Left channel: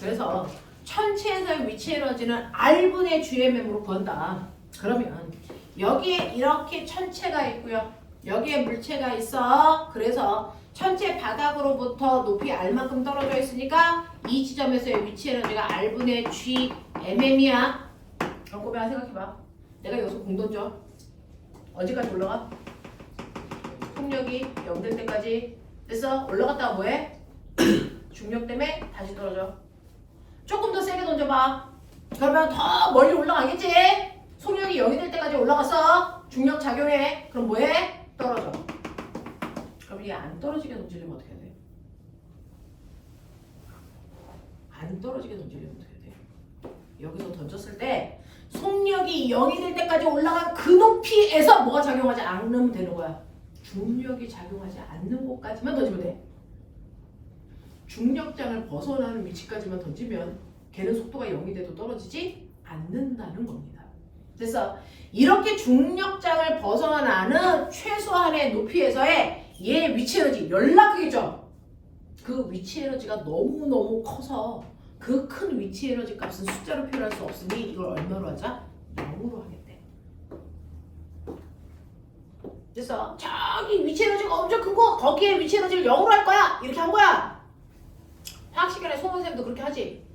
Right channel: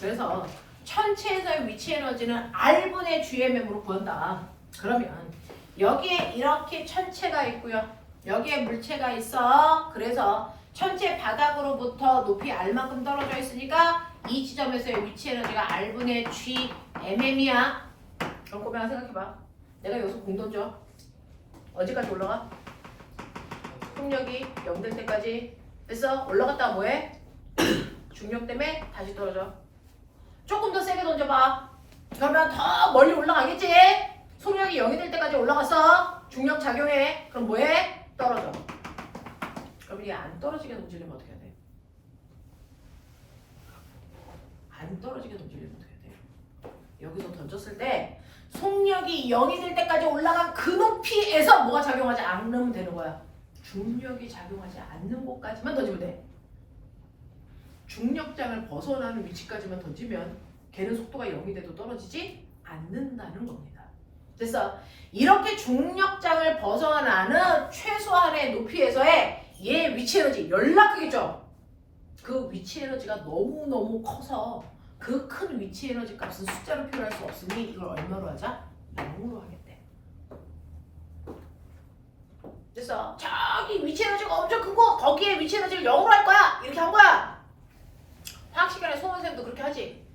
그래서 천체에서의 위치 에너지는 R분의 GMM으로 구한다. 그러면 여기에 이렇게 천체가 있고요. 여기에 물체가 있어. 그래서 천체 바닥으로부터 높이 R만큼 떨어져 있으니까 이 지점에서의 위치 에너지가 R분의 GMM이야. 그럼 꼬맹아 생각해봐. 내가 여기서 공 던져. 어디까지 올라가? 속력이 0 될 때까지. 됐어? 올라갔다가 뭐해? 중력 때문에 다시 떨어져. 조금 더 세게 던져봐. 그러면 더 멀리 올라가겠지? 속력이 0이 될 때까지 올라갔어. 중력 작용해. 그럼 뭐해? 떨어져. 그럼 얘 안 떨어지게 던지려면 어떻게 해야 돼? 안 떨어지게 던지려면 어떻게 해야 돼? 여기서 던졌을 때 속력이 0이 될 때까지 올라간 그 높이에서 뭐가 작용하지 않으면 되는 거야. 중력이 작용하지 않는 곳까지만 던지면 돼. 중력장을 벗어나는 위치까지만 던지면 걔는 속도가 0이 돼도 떨어지지 않는다는 겁니다. 그래서 이렇게 중력장을 벗어나는 최소한의 높이에서의 얘 위치 에너지 열나 크겠죠? 그 위치 에너지가 너무너무 커서 그 큰 위치 에너지 값은 숫자로 표현할 수 없으니 이걸 얼마로 하자? 0으로 하겠대. 그래서 저기 위치 에너지가 엄청 큰 거 거기에 위치 에너지를 0으로 할 거야. 이렇게 한 거야. 화학 시간에 송은쌤도 그렇게 하지.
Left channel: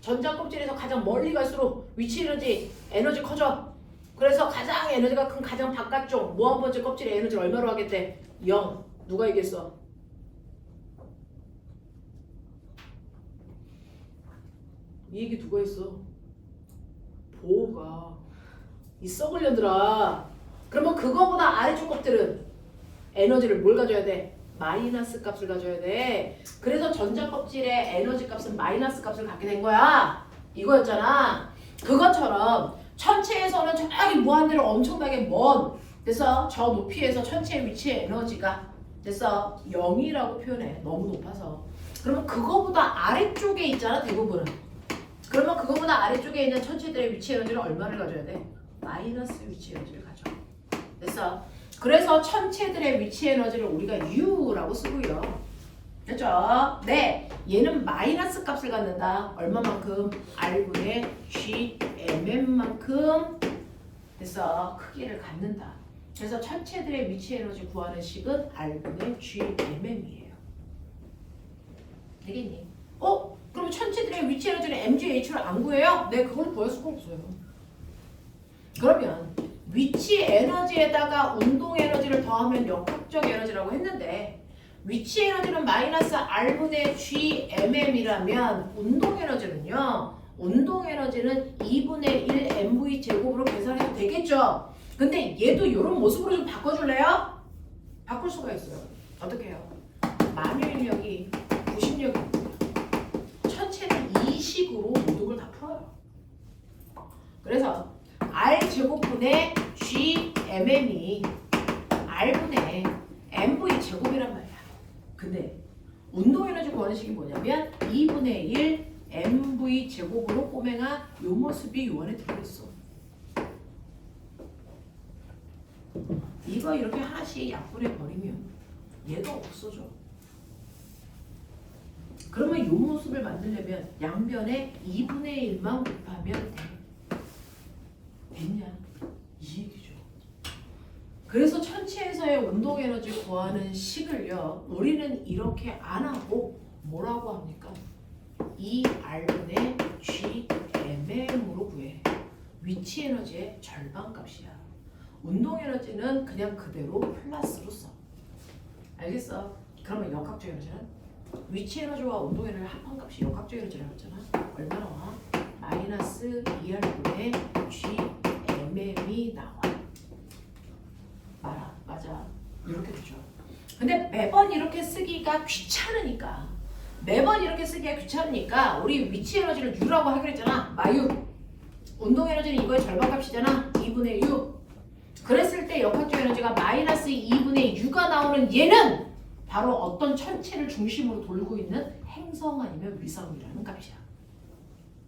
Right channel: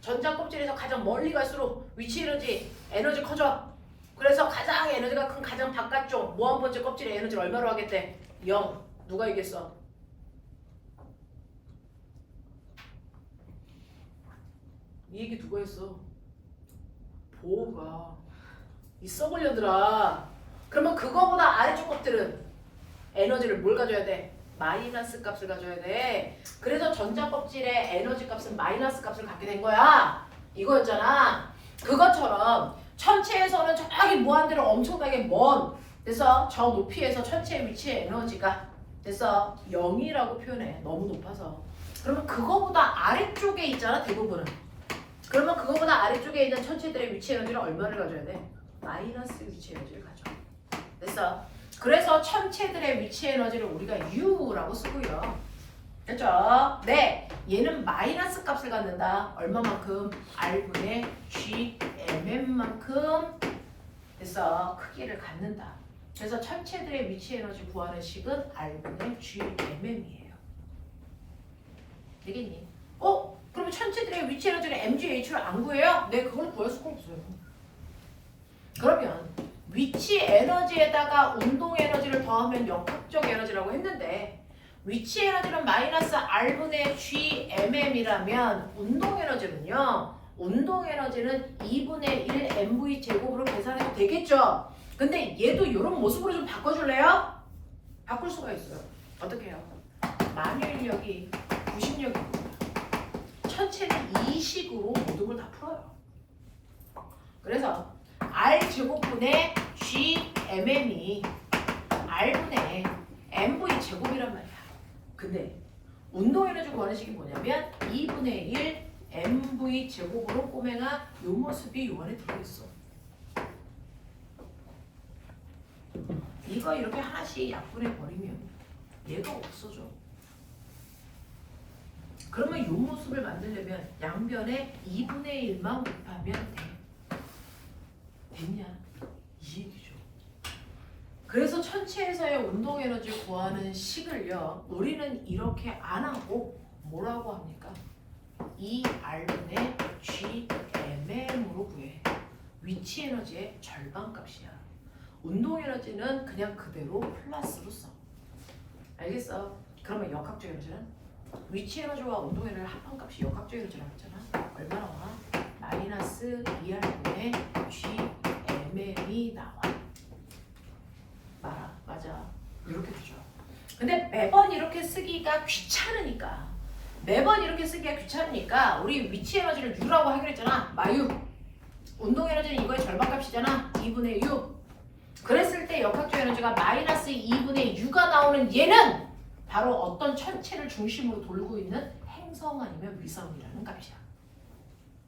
전자 껍질에서 가장 멀리 갈수록 위치 에너지 커져. 그래서 가장 에너지가 큰 가장 바깥쪽 무한번째 껍질의 에너지를 얼마로 하겠대? 0. 누가 이겼어? 이 얘기 누가 했어? 보호가. 이 썩을 년들아. 그러면 그거보다 아래쪽 것들은 에너지를 뭘 가져야 돼? 마이너스 값을 가져야 돼. 그래서 전자 껍질의 에너지 값은 마이너스 값을 갖게 된 거야. 이거였잖아. 그것처럼 천체에서는 저기 무한대로 엄청나게 먼. 그래서 저 높이에서 천체의 위치의 에너지가 그래서 0이라고 표현해. 너무 높아서. 그러면 그거보다 아래쪽에 있잖아 대부분은. 그러면 그거보다 아래쪽에 있는 천체들의 위치 에너지는 얼마를 가져야 돼? 마이너스 위치 에너지를 가져. 그래서 천체들의 위치 에너지를 우리가 U라고 쓰고요. 됐죠? 네. 얘는 마이너스 값을 갖는다. 얼마만큼? R분의 GMM만큼 그래서 크기를 갖는다. 그래서 천체들의 위치 에너지 구하는 식은 R분의 GMM이에요. 되겠니? 그럼 천체들의 위치 에너지는 MGH를 안 구해요? 네, 그걸 구할 수가 없어요. 그러면 위치 에너지에다가 운동 에너지를 더하면 역학적 에너지라고 했는데 위치 에너지는 마이너스 R분의 GMM이라면 운동 에너지는요. 운동 에너지는 2분의 1 mv 제곱으로 계산해도 되겠죠. 근데 얘도 이런 모습으로 좀 바꿔줄래요? 바꿀 수가 있어요. 어떻게 해요? 만유인력이 90력입니다. 천체는 이 식으로 모든 걸 다 풀어요. 그래서 R제곱분의 GMM이 R분의 MV 제곱이란 말이야. 근데 운동에너지 구하는 식이 뭐냐면 2분의 1 MV 제곱으로 꼬맹아 요 모습이 요 안에 들어있어. 이거 이렇게 하나씩 약분해 버리면 얘가 없어져. 그러면 요 모습을 만들려면 양변에 2분의 1만 곱하면 돼. 됐냐? 이 얘기죠. 그래서 천체에서의 운동 에너지 구하는 식을요. 우리는 이렇게 안 하고 뭐라고 합니까? 2R분의 GMM으로 구해. 위치 에너지의 절반 값이야. 운동 에너지는 그냥 그대로 플러스로 써. 알겠어? 그러면 역학적 에너지는? 위치 에너지와 운동 에너지 합한값이 역학적 에너지라고 했잖아. 얼마 나와? 마이너스 2R분의 GMM이 나와. 맞아. 이렇게 되죠. 근데 매번 이렇게 쓰기가 귀찮으니까 우리 위치 에너지를 U라고 하기로 했잖아. 마유. 운동 에너지는 이거의 절반값이잖아. 2분의 U. 그랬을 때 역학적 에너지가 마이너스 2분의 U가 나오는 얘는 바로 어떤 천체를 중심으로 돌고 있는 행성 아니면 위성이라는 값이야.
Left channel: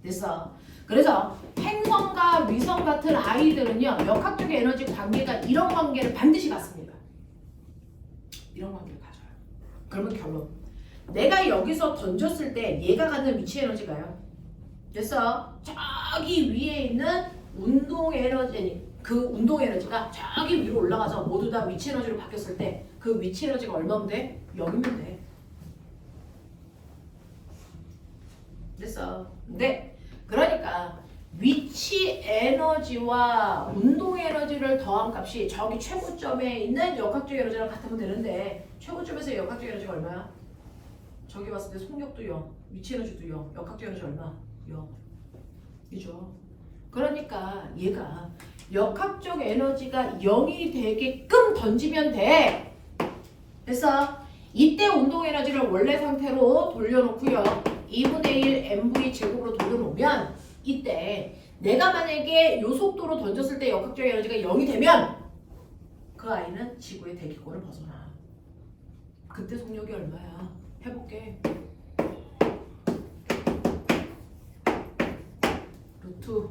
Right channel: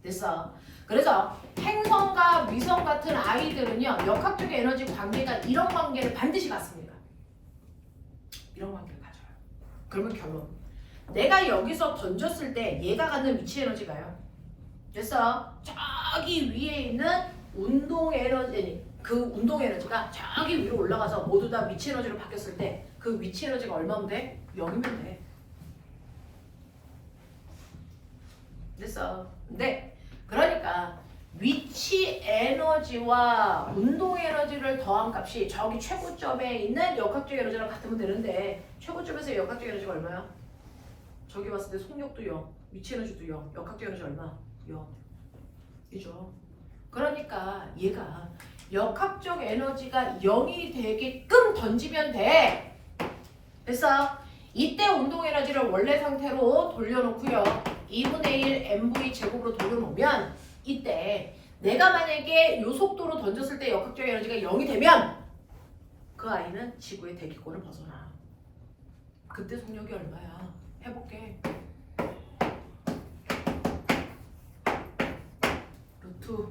됐어? 그래서 행성과 위성 같은 아이들은요. 역학적 에너지 관계가 이런 관계를 반드시 갖습니다. 이런 관계를 가져요. 그러면 결론. 내가 여기서 던졌을 때 얘가 갖는 위치 에너지가요. 됐어? 저기 위에 있는 운동 에너지, 아니, 그 운동 에너지가 저기 위로 올라가서 모두 다 위치 에너지로 바뀌었을 때 그 위치 에너지가 얼마면 돼? 0이면 돼. 됐어? 근데 그러니까 위치 에너지와 운동 에너지를 더한 값이 저기 최고점에 있는 역학적 에너지랑 같으면 되는데 최고점에서 역학적 에너지가 얼마야? 저기 봤을 때 속력도 0, 위치 에너지도 0, 역학적 에너지 얼마? 0. 이죠. 그러니까 얘가 역학적 에너지가 0이 되게끔 던지면 돼. 됐어? 이때 운동 에너지를 원래 상태로 돌려놓고요. 2분의 1 mv 제곱으로 돌려놓으면 이때 내가 만약에 요 속도로 던졌을 때 역학적 에너지가 0이 되면 그 아이는 지구의 대기권을 벗어나. 그때 속력이 얼마야? 해볼게. 루트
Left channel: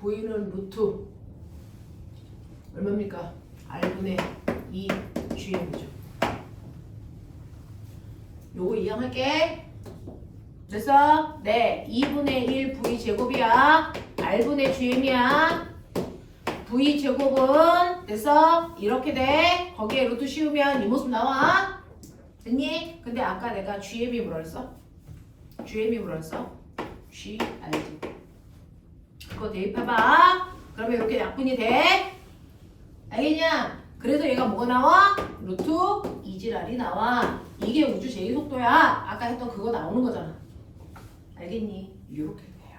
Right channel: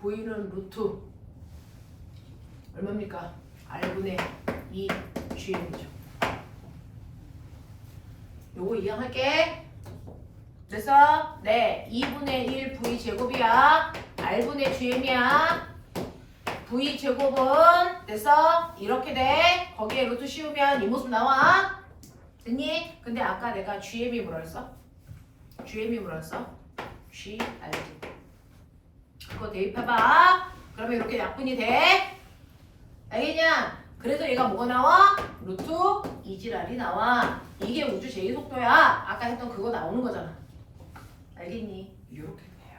V는 루트 얼마입니까? R분의 2 GM이죠. 요거 이항할게. 됐어? 네, 2분의 1 V 제곱이야. R분의 GM이야. V 제곱은 됐어? 이렇게 돼. 거기에 루트 씌우면 이 모습 나와. 됐니? 근데 아까 내가 GM이 뭐랬어? GM이 뭐랬어? G 알지? 그거 대입해봐. 그러면 이렇게 약분이 돼. 알겠냐? 그래서 얘가 뭐가 나와? 루트 2지랄이 나와. 이게 우주 제2속도야. 아까 했던 그거 나오는 거잖아. 알겠니? 이렇게 돼요.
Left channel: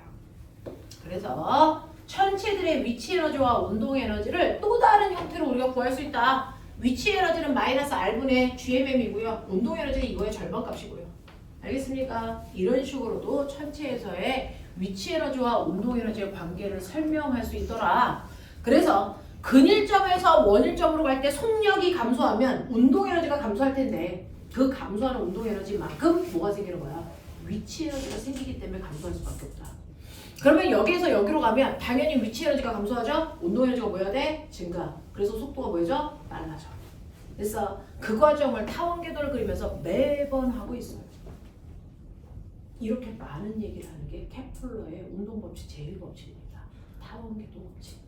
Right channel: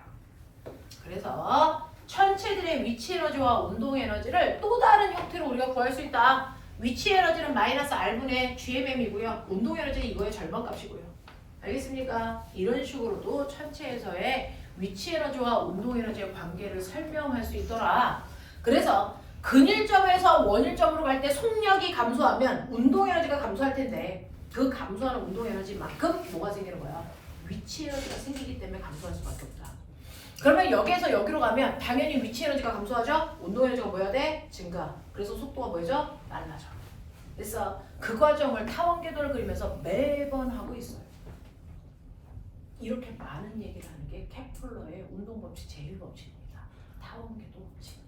그래서 천체들의 위치 에너지와 운동 에너지를 또 다른 형태로 우리가 구할 수 있다. 위치 에너지는 마이너스 R분의 GMM이고요. 운동 에너지는 이거의 절반값이고요. 알겠습니까? 이런 식으로도 천체에서의 위치 에너지와 운동 에너지의 관계를 설명할 수 있더라. 그래서 근일점에서 원일점으로 갈 때 속력이 감소하면 운동 에너지가 감소할 텐데 그 감소하는 운동 에너지만큼 뭐가 생기는 거야? 위치 에너지가 생기기 때문에 감소할 수밖에 없다. 그러면 여기에서 여기로 가면 당연히 위치 에너지가 감소하죠? 운동 에너지가 뭐 해야 돼? 증가. 그래서 속도가 뭐죠? 빨라져. 그래서 그 과정을 타원궤도를 그리면서 매번 하고 있어요. 이렇게 많은 얘기를 하는 게 케플러의 운동법칙 제1법칙입니다. 타원궤도 법칙.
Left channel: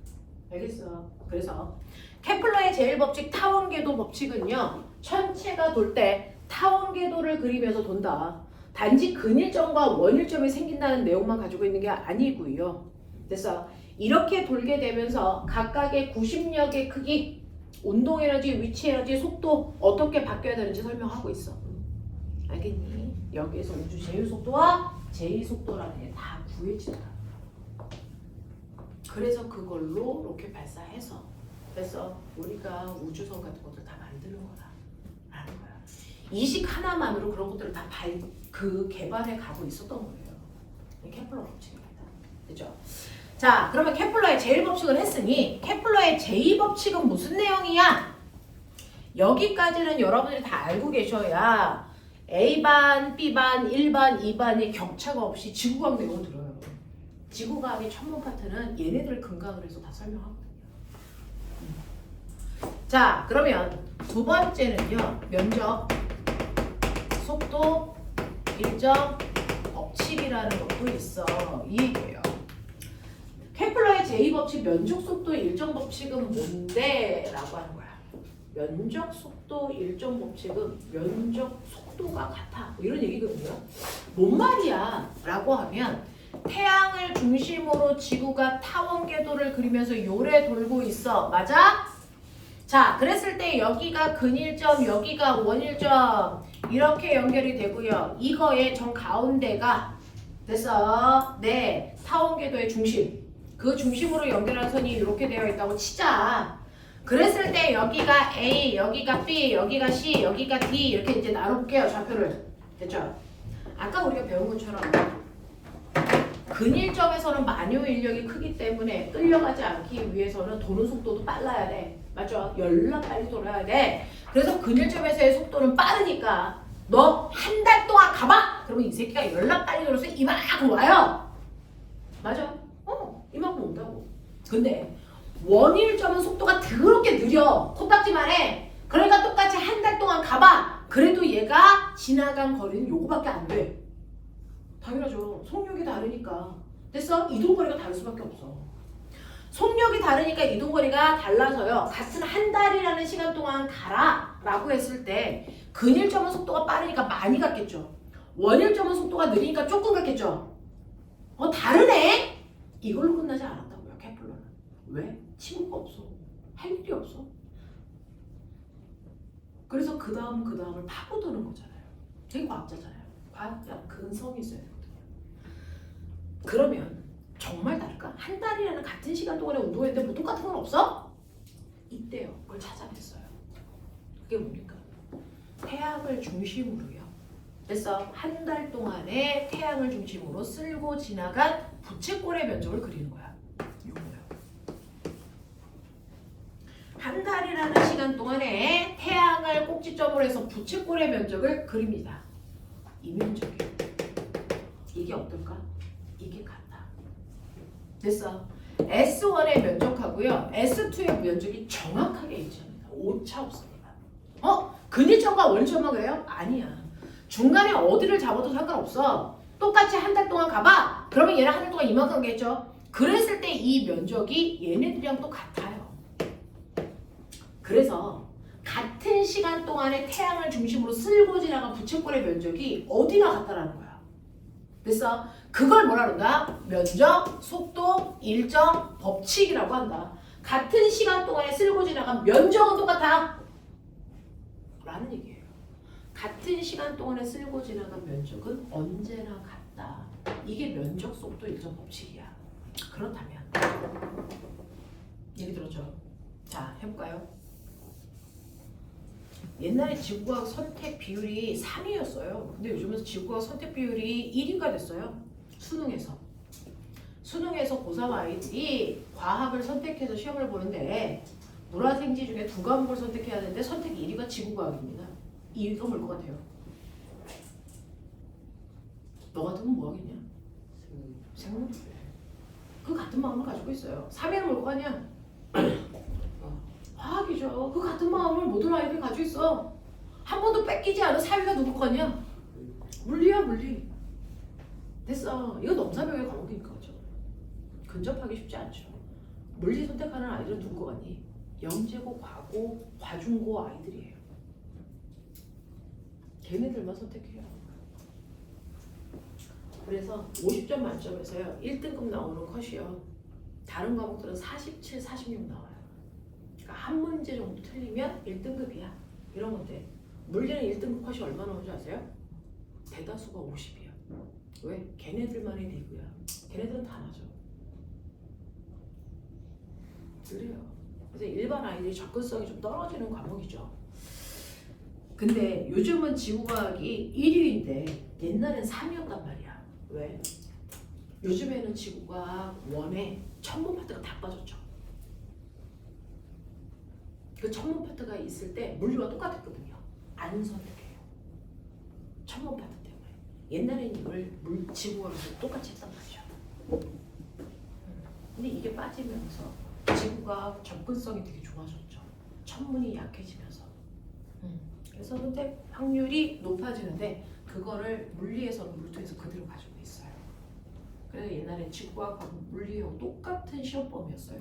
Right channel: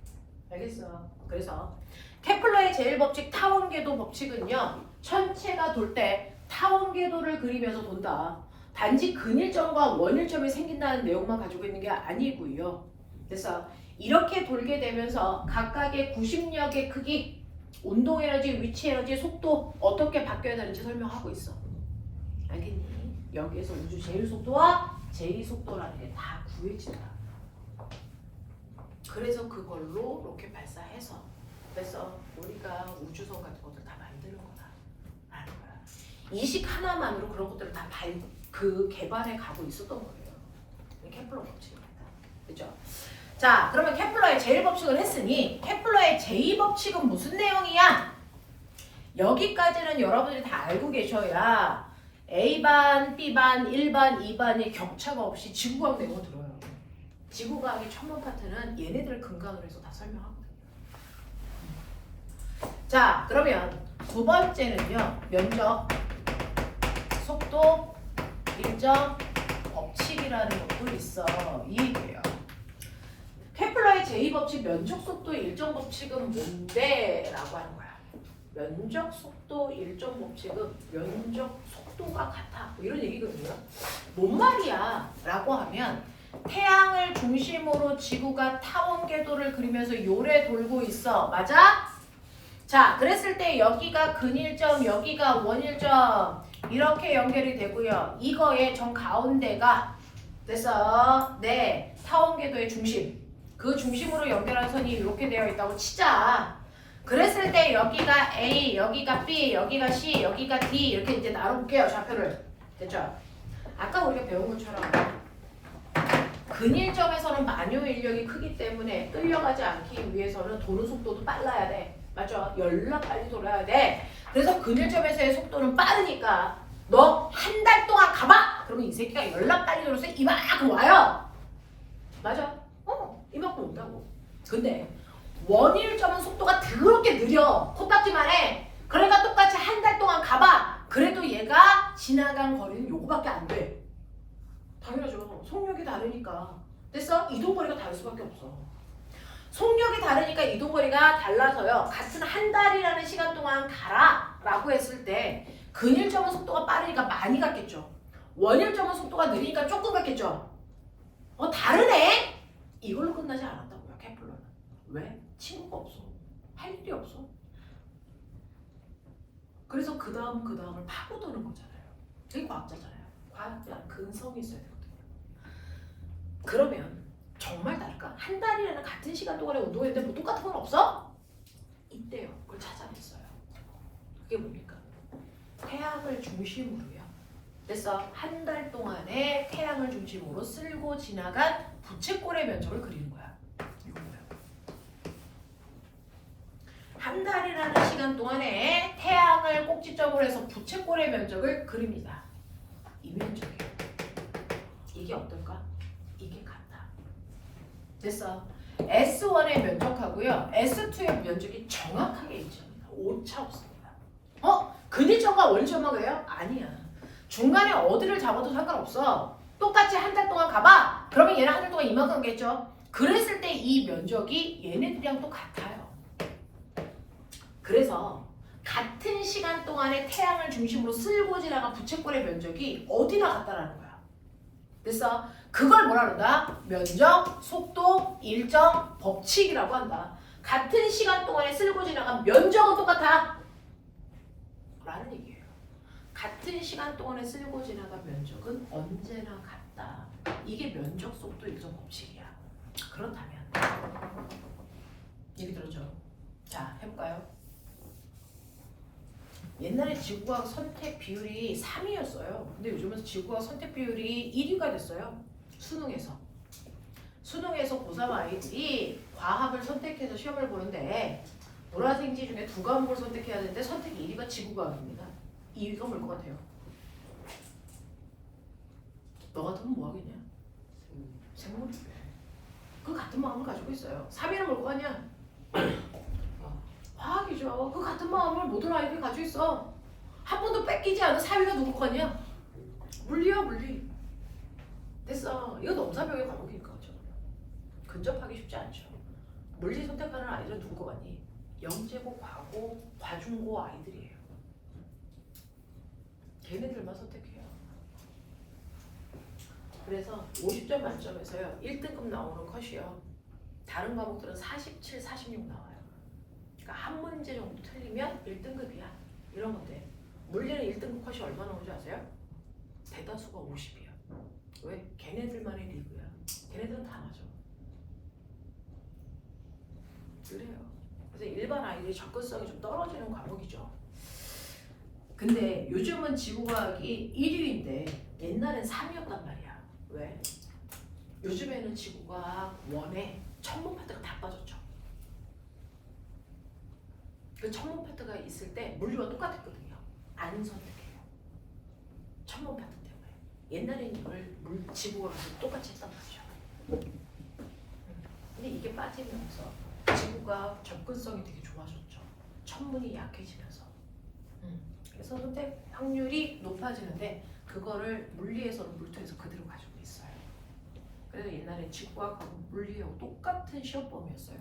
알겠어? 그래서 케플러의 제1법칙 타원궤도 법칙은요. 천체가 돌 때 타원궤도를 그리면서 돈다. 단지 근일점과 원일점이 생긴다는 내용만 가지고 있는 게 아니고요. 그래서 이렇게 돌게 되면서 각각의 구심력의 크기, 운동 에너지, 위치 에너지, 속도 어떻게 바뀌어야 되는지 설명하고 있어. 알겠니? 여기에서 우주 제1속도와 제2속도라는 게 다 구해지더라. 그래서 그걸로 로켓 발사해서 그래서 우리가 우주선 같은 것들 다 만드는 거다라는 거야. 이식 하나만으로 그런 것들을 다 개발해 가고 있었던 거예요. 케플러 법칙입니다. 그죠? 자, 그러면 케플러의 제1법칙을 했으니 케플러의 제2법칙은 무슨 내용이야? 여기까지는 여러분들이 다 알고 계셔야 A반, B반, 1반, 2반의 격차가 없이 지구과학 내용을 들어요. 지구과학의 천문 파트는 얘네들 근간으로 해서 다 설명하거든요. 자, 그러면 두 번째는요. 면적, 속도, 일정, 법칙이라는 것도 있어. 이 얘기예요. 케플러의 제2법칙 면적, 속도, 일정 법칙은 뭔데? 라고 하는 거야. 면적, 속도, 일정 법칙은 면적, 속도가 같아. 이런 얘기거든요. 뭔 말이야? 라고 하면 태양을 중심으로 지구가 타원궤도를 그리면서 요래 돌고 있어. 맞아? 자, 그랬을 때 여기가 근일점, 여기가 원일점 이렇게 연결이 되고요. 이거의 정 가운데가 됐어. 네, 타원궤도의 중심. 그 중심으로 연결한 선이 이렇게 되어 있다고 치자. 그랬을 때 여기가 A, 여기가 B, 여기가 C, 여기가 D 이렇게 이제 나눠볼게요. 좌표를. 됐죠? 아까 우리가 배운 것처럼 근일점에서는 만유 인력이 크기 때문에 끌려가지 않기 위해서는 도는 속도도 빨라야 돼. 맞죠? 열나 빨리 돌아야 돼. 그래서 근일점에서의 속도는 빠르니까 너 한 달 동안 가봐! 그러면 이 새끼가 열나 빨리 돌아서 이만큼 와요. 맞아? 이만큼 온다고. 근데 원일점은 속도가 더럽게 느려. 코딱지만 해. 그러니까 똑같이 한 달 동안 가봐. 그래도 얘가 지나간 거리는 요거밖에 안 돼. 당연하죠. 속력이 다르니까. 됐어? 이동거리가 다를 수밖에 없어. 속력이 다르니까 이동거리가 달라서요. 같은 한 달이라는 시간 동안 가라 라고 했을 때 근일점은 속도가 빠르니까 많이 갔겠죠. 원일점은 속도가 느리니까 조금 갔겠죠. 다르네? 이걸로 끝나지 않았다고요. 케플러는. 왜? 친구가 없어. 할 일이 없어. 그래서 그 다음을 파고드는 거잖아요. 되게 과학자잖아요. 과학자 근성이 있어야 되거든요. 그러면 정말 다를까? 한 달이라는 같은 시간 동안에 운동했는데 뭐 똑같은 건 없어? 있대요. 그걸 찾아냈어요. 그게 뭡니까? 태양을 중심으로요. 그래서 한 달 동안에 태양을 중심으로 쓸고 지나간 부채꼴의 면적을 그리는 거야. 이거예요. 한 달이라는 시간 동안에 태양을 꼭지점으로 해서 부채꼴의 면적을 그립니다. 이 면적이에요. 이게 어떨까? 이게 같다. 됐어. S1의 면적하고요. S2의 면적이 정확하게 일치합니다. 오차 없습니다. 근일점과 원일점만 그래요? 아니야. 중간에 어디를 잡아도 상관없어. 똑같이 한 달 동안 가봐. 그러면 얘랑 한 달 동안 이만큼 가겠죠. 그랬을 때 이 면적이 얘네들이랑 또 같아요. 그래서 같은 시간 동안에 태양을 중심으로 쓸고 지나간 부채꼴의 면적이 어디나 같다라는 거야. 됐어? 그걸 뭐라 그런다? 면적, 속도, 일정, 법칙이라고 한다. 같은 시간 동안에 쓸고 지나간 면적은 똑같아. 라는 얘기예요. 같은 시간 동안에 쓸고 지나간 면적은 언제나 같다. 이게 면적, 속도, 일정, 법칙이야. 그렇다면 얘기 들었죠? 자, 해볼까요? 옛날에 지구과학 선택 비율이 3위였어요. 근데 요즘은 지구과학 선택 비율이 1위가 됐어요. 수능에서 고3 아이들이 과학을 선택해서 시험을 보는데 물화생지 중에 2과목을 선택해야 되는데 선택 1위가 지구과학입니다. 2위가 뭘 것 같아요? 너 같으면 뭐 하겠냐? 생물이래. 그 같은 마음을 가지고 있어요. 3위는 뭘 것 같냐? 과학이죠. 그 같은 마음을 모든 아이들이 가지고 있어. 한 번도 뺏기지 않은 4위가 누굴 것 같냐? 물리야, 물리. 됐어. 이거 넘사벽의 과목이니까 그죠? 근접하기 쉽지 않죠. 물리 선택하는 아이들은 누굴 것 같니? 영재고, 과고, 과중고 아이들이에요. 걔네들만 선택해요. 그래서 50점 만점에서요 1등급 나오는 컷이요. 다른 과목들은 47, 46 나와요. 그러니까 한 문제 정도 틀리면 1등급이야. 이런 건데 물리는 1등급 컷이 얼마 나오는지 아세요? 대다수가 50이야. 왜? 걔네들만의 리그야. 걔네들은 다 맞아. 그래요. 그래서 일반 아이들이 접근성이 좀 떨어지는 과목이죠. 근데 요즘은 지구과학이 1위인데 옛날엔 3위였단 말이야. 왜? 요즘에는 지구과학 1에 천문 파트가 다 빠졌죠. 그 천문 파트가 있을 때 물리와 똑같았거든요. 안 선택해요. 천문 파트 때문에. 옛날에는 이걸 지구과학도 똑같이 했단 말이죠. 근데 이게 빠지면서 지구과학 접근성이 되게 좋아졌죠. 천문이 약해지면서. 그래서 선택 확률이 높아지는데 그거를 물리에서는 물투에서 그대로 가지고 있어요. 그래서 옛날에 지구과학하고 물리하고 똑같은 시험범위였어요.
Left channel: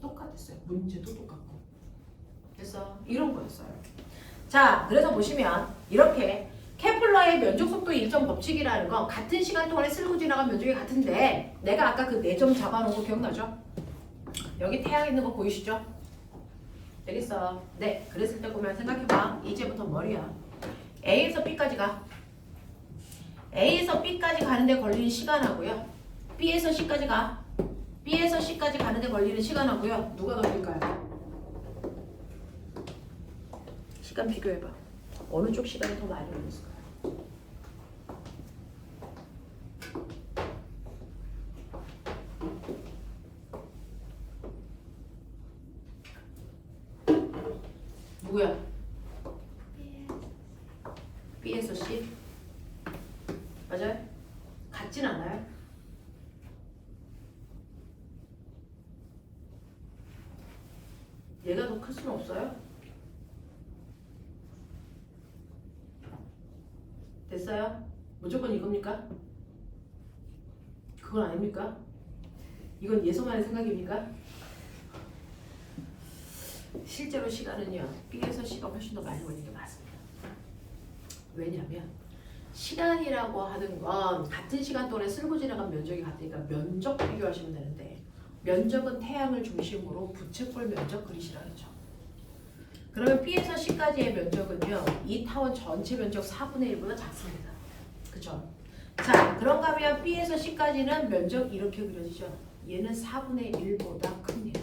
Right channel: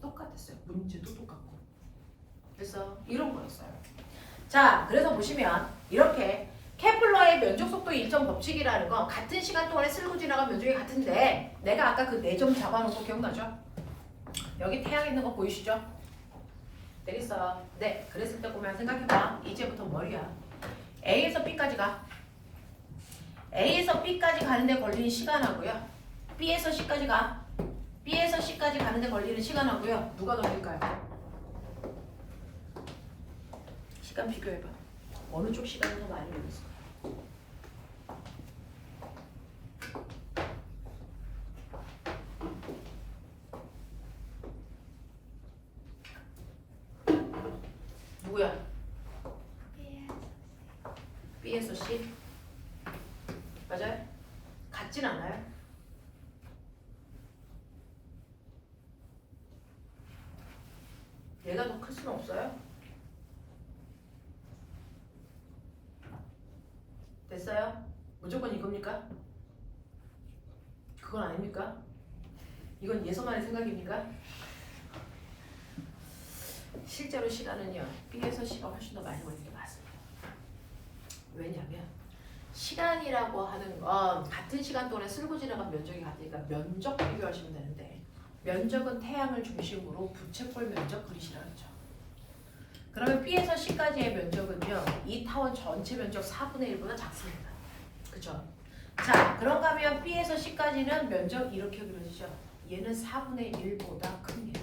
똑같았어요. 문제도 똑같고. 그래서 이런 거였어요. 자, 그래서 보시면 이렇게 케플러의 면적 속도 일정 법칙이라는 건 같은 시간 동안에 쓸고 지나간 면적이 같은데 내가 아까 그 4점 잡아놓은 거 기억나죠? 여기 태양 있는 거 보이시죠? 되겠어. 네, 그랬을 때 보면 생각해봐. 이제부터 머리야. A에서 B까지 가. A에서 B까지 가는데 걸리는 시간하고요. B에서 C까지 가. B에서 C까지 가는데 걸리는 시간하고요. 누가 더 길까요? 시간 비교해봐. 어느 쪽 시간이 더 많이 걸렸을까요? 누구야? B에서 C? 맞아요? 같진 않아요? 얘가 더 클 수는 없어요? 됐어요? 무조건 이겁니까? 그건 아닙니까? 이건 예서만의 생각입니까? 실제로 시간은요, B에서 C가 훨씬 더 많이 걸리는 게 맞습니다. 왜냐면 시간이라고 하는 건 같은 시간 동안에 쓸고 지나간 면적이 같으니까 면적 비교하시면 되는데, 면적은 태양을 중심으로 부채꼴 면적 그리시라 그랬죠. 그러면 B에서 C까지의 면적은요, 이 타원 전체 면적 4분의 1보다 작습니다. 그죠? 자, 그런가 하면 B에서 C까지는 면적 이렇게 그려지죠. 얘는 4분의 1보다 큽니다.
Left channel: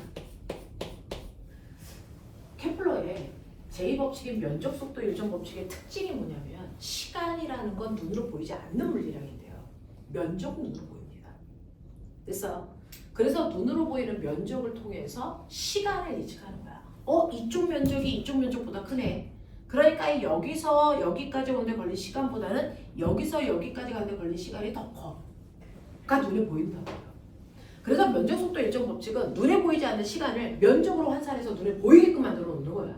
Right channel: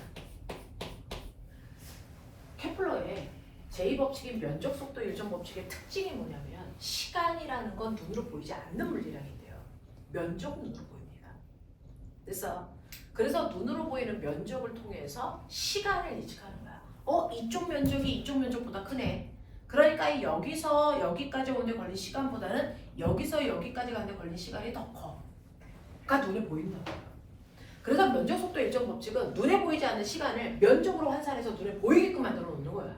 케플러의 제2법칙인 면적 속도 일정 법칙의 특징이 뭐냐면 시간이라는 건 눈으로 보이지 않는 물리량인데요. 면적은 눈으로 보입니다. 그래서 눈으로 보이는 면적을 통해서 시간을 예측하는 거야. 이쪽 면적이 이쪽 면적보다 크네. 그러니까 여기서 여기까지 오는데 걸린 시간보다는 여기서 여기까지 가는데 걸린 시간이 더 커. 그러니까 눈에 보인다고요. 그래서 면적 속도 일정 법칙은 눈에 보이지 않는 시간을 면적으로 환산해서 눈에 보이게끔 만들어 놓는 거야.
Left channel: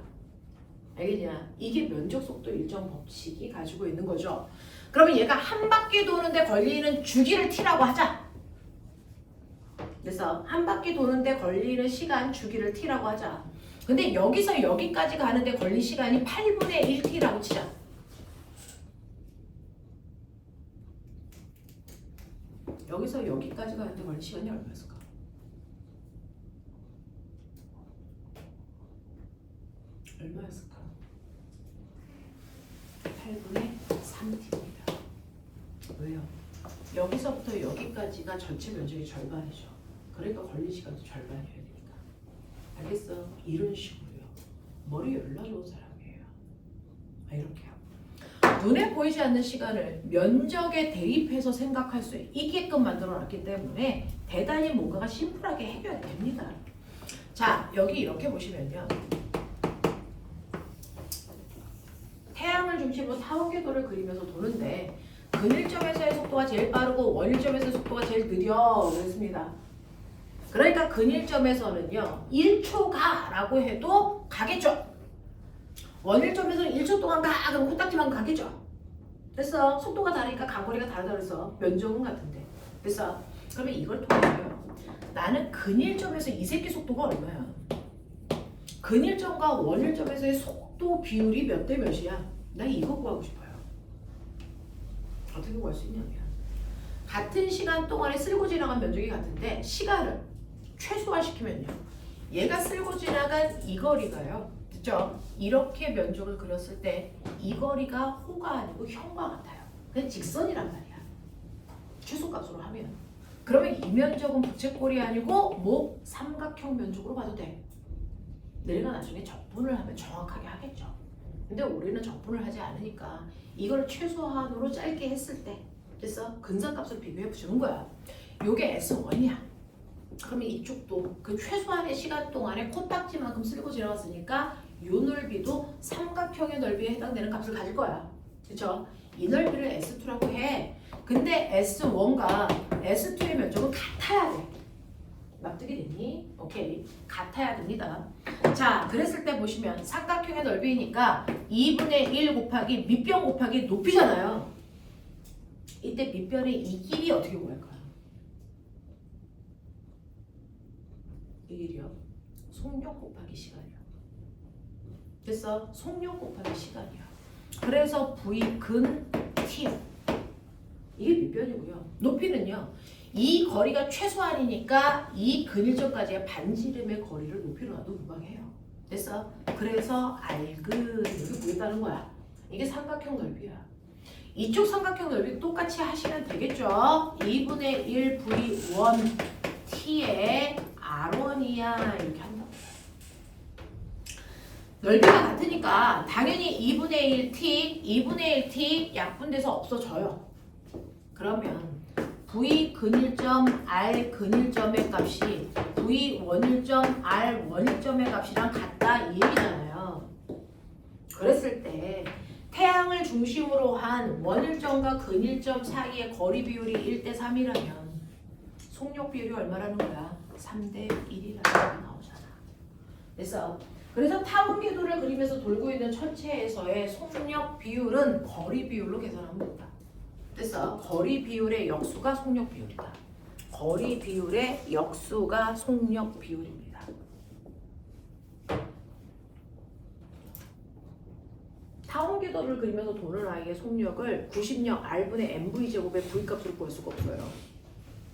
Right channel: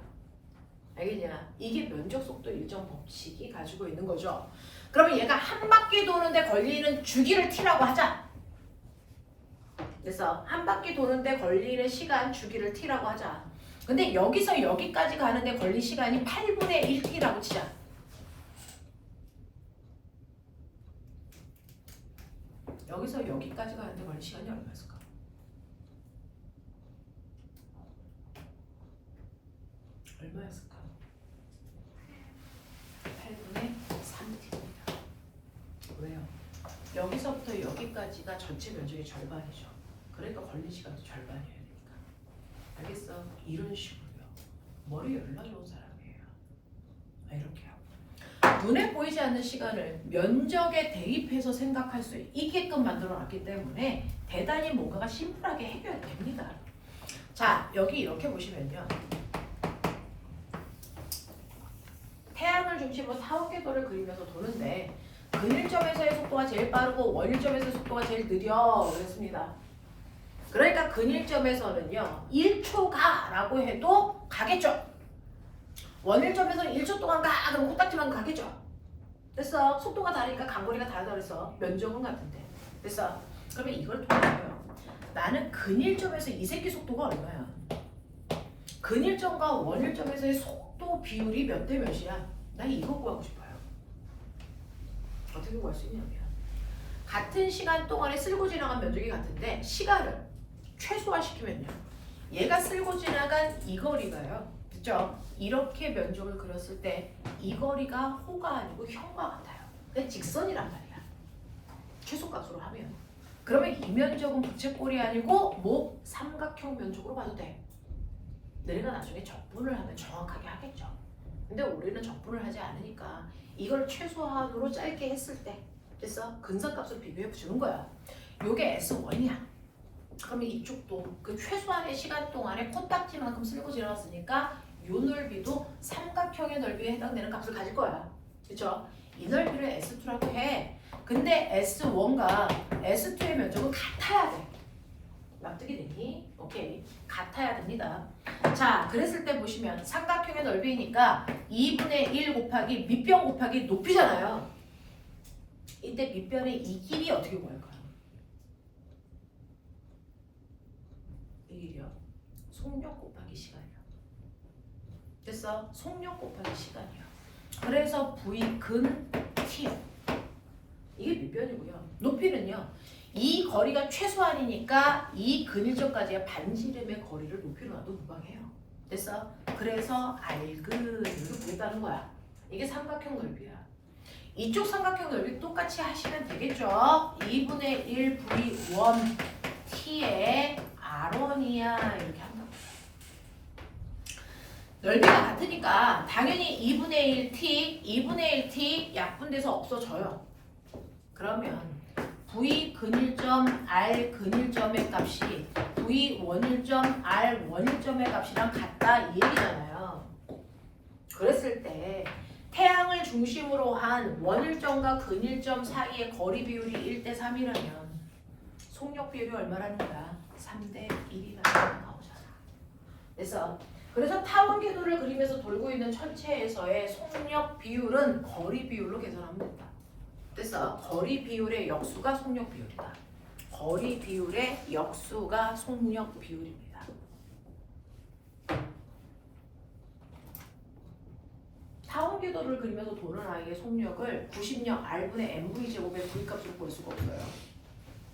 알겠냐? 이게 면적 속도 일정 법칙이 가지고 있는 거죠. 그러면 얘가 한 바퀴 도는데 걸리는 주기를 t라고 하자. 그래서 한 바퀴 도는데 걸리는 시간 주기를 t라고 하자. 근데 여기서 여기까지 가는데 걸린 시간이 8분의 1t라고 치자. 여기서 여기까지 가는데 걸린 시간이 얼마였을까? 얼마였을까? 8분의 3t입니다. 왜요? 여기서부터 여기까지가 전체 면적의 절반이죠. 그러니까 걸린 시간도 절반이어야 되니까. 알겠어? 이런 식으로요. 머리 열나 좋은 사람이에요. 이렇게 하고. 눈에 보이지 않는 시간을 면적에 대입해서 생각할 수 있게끔 만들어 놨기 때문에 대단히 뭔가가 심플하게 해결됩니다. 자, 여기 이렇게 보시면요. 태양을 중심으로 타원궤도를 그리면서 도는데 근일점에서의 속도가 제일 빠르고 원일점에서의 속도가 제일 느려 그랬습니다. 그러니까 근일점에서는요 1초가 라고 해도 가겠죠. 원일점에서는 1초 동안 가 그럼 코딱지만 가겠죠. 됐어. 속도가 다르니까 가거리가 다르다 그래서 면적은 같은데. 됐어. 그러면 이걸 통해서요 나는 근일점에서 이 새끼 속도가 얼마야. 근일점과 원일점에서의 속도 비율이 몇 대 몇이야. 나 이거 구하고 싶어요. 어떻게 구할 수 있냐면 같은 시간 동안에 쓸고 지나간 면적이 같은데 시간을 최소화시키면요 얘가 쓸고 지나간 이 거리가요 그죠? 이렇게 면적을 그렸을 때 이 거리가 호가 아니고 형과 같아요. 그냥 직선이란 말이야. 최소값으로 하면 그러면 이 면적은 부채꼴이 아니고 뭐 삼각형 면적으로 봐도 돼. 내가 나중에 적분을 하면 정확하게 하겠죠. 근데 우리는 적분을 하지 않으니까 이걸 최소한으로 짧게 했을 때 됐어? 근사값을 비교해 보시는 거야. 요게 S1이야. 그러면 이쪽도 그 최소한의 시간 동안에 코딱지만큼 쓸고 지나갔으니까 요 넓이도 삼각형의 넓이에 해당되는 값을 가질 거야. 그쵸? 이 넓이를 S2라고 해. 근데 S1과 S2의 면적은 같아야 돼. 납득이 되니? 오케이. 같아야 됩니다. 자, 그랬을 때 보시면 삼각형의 넓이니까 2분의 1 곱하기 밑변 곱하기 높이잖아요. 이때 밑변의 이 길이 어떻게 구할까요? 이 길이요. 속력 곱하기 시간이요. 됐어? 속력 곱하기 시간이요. 그래서 V 근 T 이게 밑변이고요. 높이는요. 이 거리가 최소한이니까 이 근일점까지의 반지름의 거리를 높이로 놔도 무방해요. 됐어? 그래서 R근 이렇게 보인다는 거야. 이게 삼각형 넓이야. 이쪽 삼각형 넓이 똑같이 하시면 되겠죠? 2분의 1 V1 T의 R1이야 이렇게 한다고. 넓이가 같으니까 당연히 2분의 1 T, 2분의 1 T 약분돼서 없어져요. 그러면 V 근일점 R 근일점의 값이 V 원일점 R 원일점의 값이랑 같다 이 얘기잖아요. 그랬을 때 태양을 중심으로 한 원일점과 근일점 사이의 거리 비율이 1대 3이라면 속력 비율이 얼마라는 거야? 3대 1이라는 나오잖아. 그래서 타원 궤도를 그리면서 돌고 있는 천체에서의 속력 비율은 거리 비율로 계산하면 된다. 됐어. 거리 비율의 역수가 속력 비율이다. 거리 비율의 역수가 속력 비율입니다. 타원 궤도를 그리면서 도는 아이의 속력을 90력 R분의 mv 제곱의 v값으로 볼 수가 없어요.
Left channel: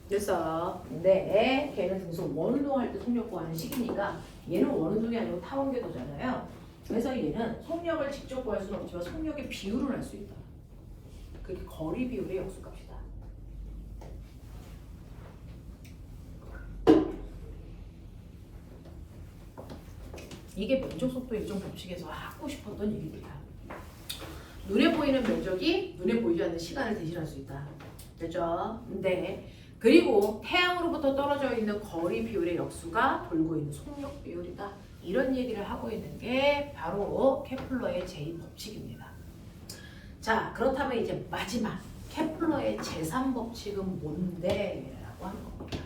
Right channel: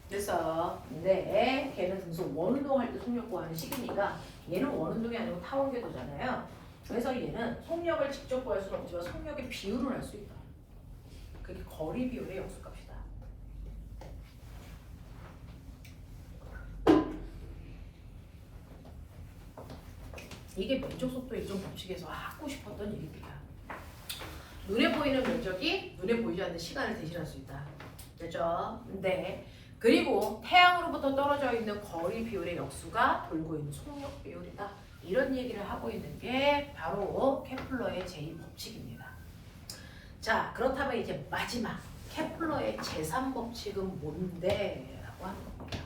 그래서 네, 걔는 등속 원운동할 때 속력 구하는 식이니까 얘는 원운동이 아니고 타원 궤도잖아요. 그래서 얘는 속력을 직접 구할 수는 없지만 속력의 비율을 알 수 있다. 그게 거리 비율의 역수값이다. 이게 면적 속도 일정 법칙에서 하고 싶었던 얘기입니다. 눈에 보이는 면적이 눈에 보이지 않는 시간을 대신할 수 있다. 됐죠? 네. 그리고 태양으로부터 떨어져 있는 거리 비율의 역수가 돌고 있는 속력 비율이다. 이런 얘기를 하고 있는 게 바로 케플러의 제2법칙입니다. 자, 그렇다면 이제 마지막 케플러의 제3법칙은 뭔데? 라고 하는 겁니다.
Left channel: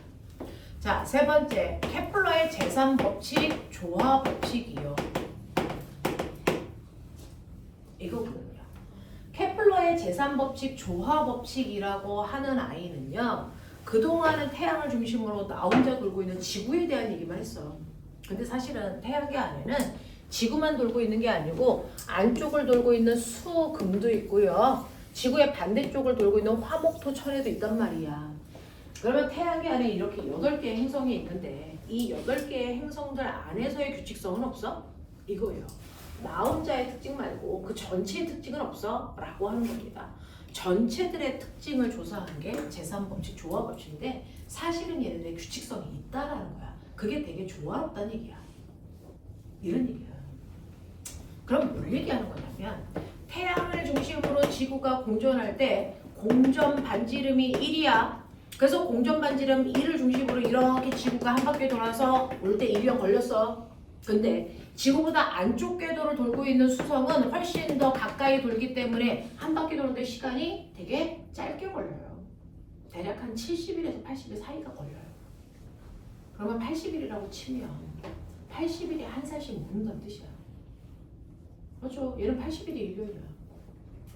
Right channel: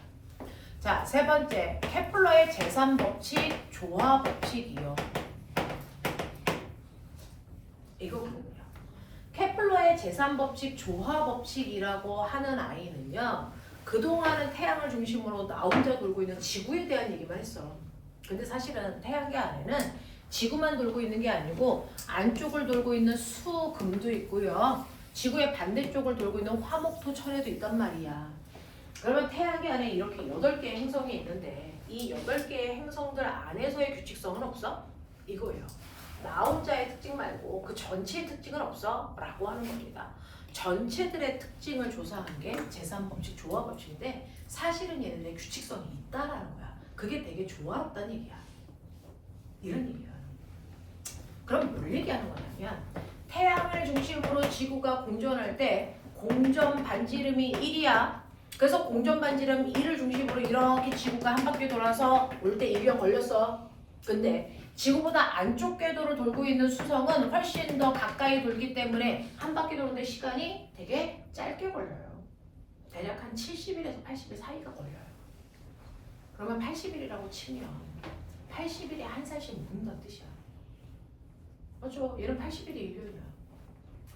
자, 세 번째 케플러의 제3법칙 조화법칙이요. 이거거든요. 케플러의 제3법칙 조화법칙이라고 하는 아이는요. 그동안은 태양을 중심으로 나 혼자 돌고 있는 지구에 대한 얘기만 했어. 근데 사실은 태양계 안에는 지구만 돌고 있는 게 아니고 안쪽을 돌고 있는 수, 금도 있고요. 지구의 반대쪽을 돌고 있는 화, 목, 토, 철에도 있단 말이야. 그러면 태양계 안에 이렇게 8개의 행성이 있는데 이 8개의 행성들 안에서의 규칙성은 없어? 이거예요. 나 혼자의 특징 말고 그 전체의 특징은 없어? 라고 하는 겁니다. 전체들의 특징을 조사한 게 제3법칙 조화법칙인데 사실은 얘네들의 규칙성이 있다라는 거야. 그게 되게 조화롭다는 얘기야. 이런 얘기야. 그럼 뭘 얘기하는 거냐면 태양을 중심으로 지구가 공전할 때 공전 반지름이 1이야. 그래서 공전 반지름 1을 중심으로 이렇게 지구가 한 바퀴 돌아서 올 때 1년 걸렸어. 근데 지구보다 안쪽 궤도를 돌고 있는 수성은 훨씬 더 가까이 돌기 때문에 한 바퀴 도는데 시간이 되게 짧게 걸려요. 대략 한 70일에서 80일 사이가 걸려요. 그러면 80일이라고 치면 80일에 한 살씩 먹는다는 뜻이야. 그렇죠? 얘는 80일이 1년이야.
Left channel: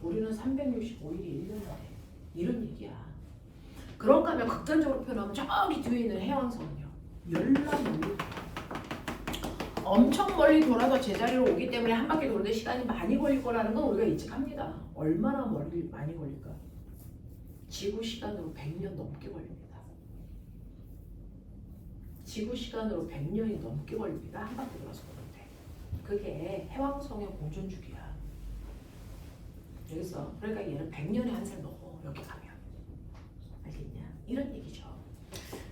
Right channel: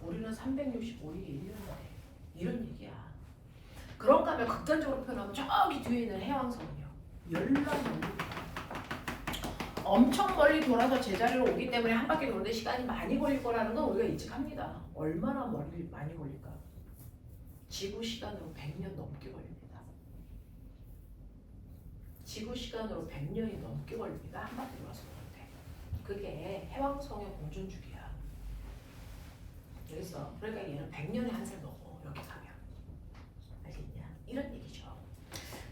우리는 365일이 1년인데 이런 얘기야. 그런가 하면 극단적으로 표현하면 저기 뒤에 있는 해왕성은요. 열날 넘게 엄청 멀리 돌아서 제자리로 오기 때문에 한 바퀴 도는데 시간이 많이 걸릴 거라는 건 우리가 예측합니다. 얼마나 많이 걸릴까? 지구 시간으로 100년 넘게 걸립니다. 지구 시간으로 100년이 넘게 걸립니다. 한 바퀴 돌아서 오는데. 그게 해왕성의 공전주기야. 그래서 그러니까 얘는 100년에 한 살 먹어. 여기 가면. 알겠냐? 이런 얘기죠.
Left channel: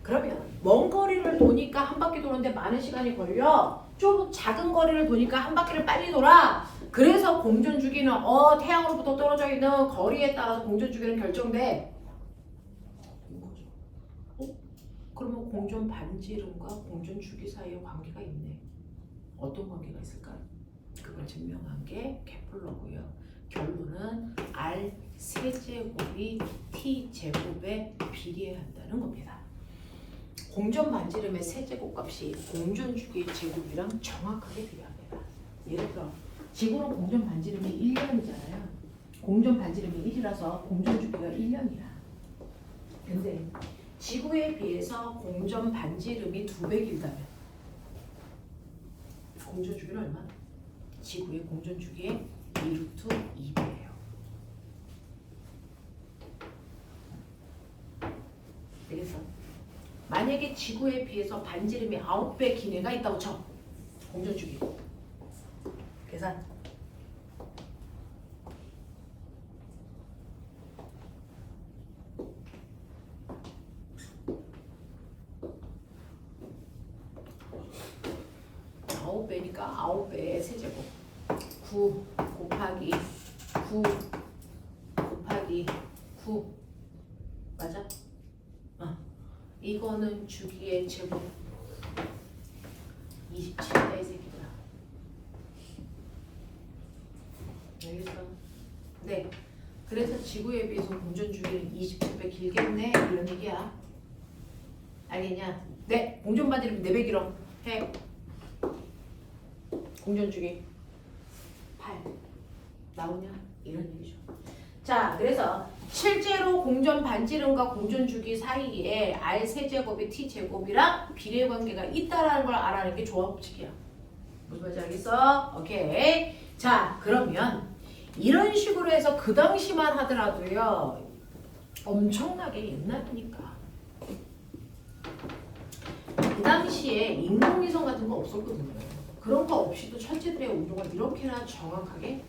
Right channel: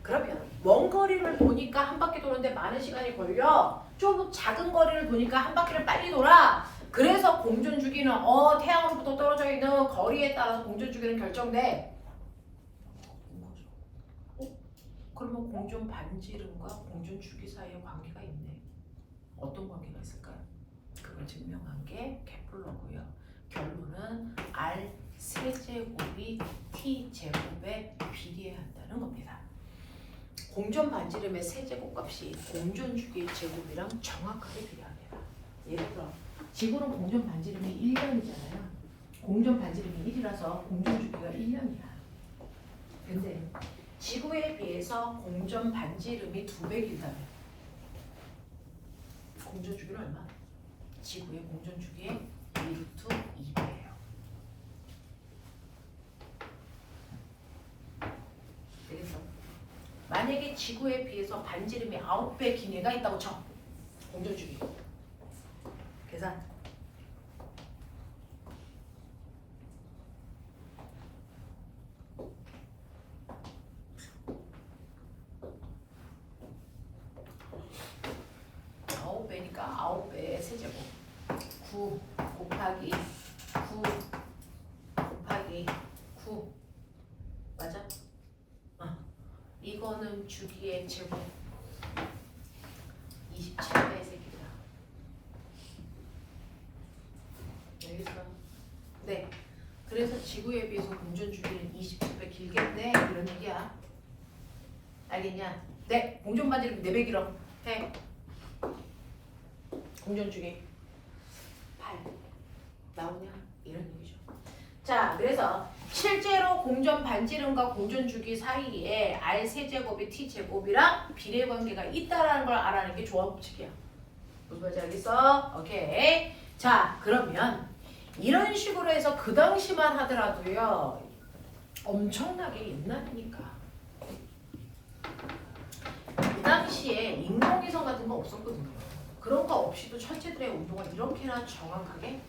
그러면 먼 거리를 도니까 한 바퀴 도는데 많은 시간이 걸려. 좀 작은 거리를 도니까 한 바퀴를 빨리 돌아. 그래서 공전주기는 태양으로부터 떨어져 있는 거리에 따라서 공전주기는 결정돼. 그러면 공전 반지름과 공전 주기 사이에 관계가 있네. 어떤 관계가 있을까? 그걸 증명한 게 케플러고요. 결론은 R 세제곱이 T 제곱에 비례해야 한다는 겁니다. 공전 반지름의 세제곱 값이 공전 주기의 제곱이랑 정확하게 비례합니다. 예를 들어 지구는 공전 반지름이 1년이잖아요. 공전 반지름이 1이라서 공전 주기가 1년이야. 근데 지구에 비해서 공전 반지름이 2배 길다면 공전 주기는 얼마? 지구의 공전 주기의 1루트 2배예요. 되겠어? 만약에 지구에 비해서 반지름이 9배 긴 애가 있다고 쳐. 공전 주기. 계산. 배니까 9배의 세제곱 9 곱하기 9 곱하기 9 맞아? 이거는 주기의 제곱 27배의 세기다. 알겠어? 네. 그래서 지구에 비해서 공전 주기를 27배 길겠네 이런 얘기야. 알겠냐? 네. 공전 반지름 4배 길어. 해. 공전주기 8 나오냐? 이런 얘기죠. 자, 그래서 실제로 공전 반지름과 공전 주기 사이에 R 세제곱이 T 제곱이랑 비례 관계가 있다라는 걸 알아내는 게 조합 법칙이야. 무슨 말인지 알겠어? 오케이. 자, 그러면 이런 식으로 해서 그 당시만 하더라도요. 엄청나게 옛날이니까. 이 당시에 인공위성 같은 거 없었거든요. 그런 거 없이도 천체들의 온도가 이렇게나 정확하게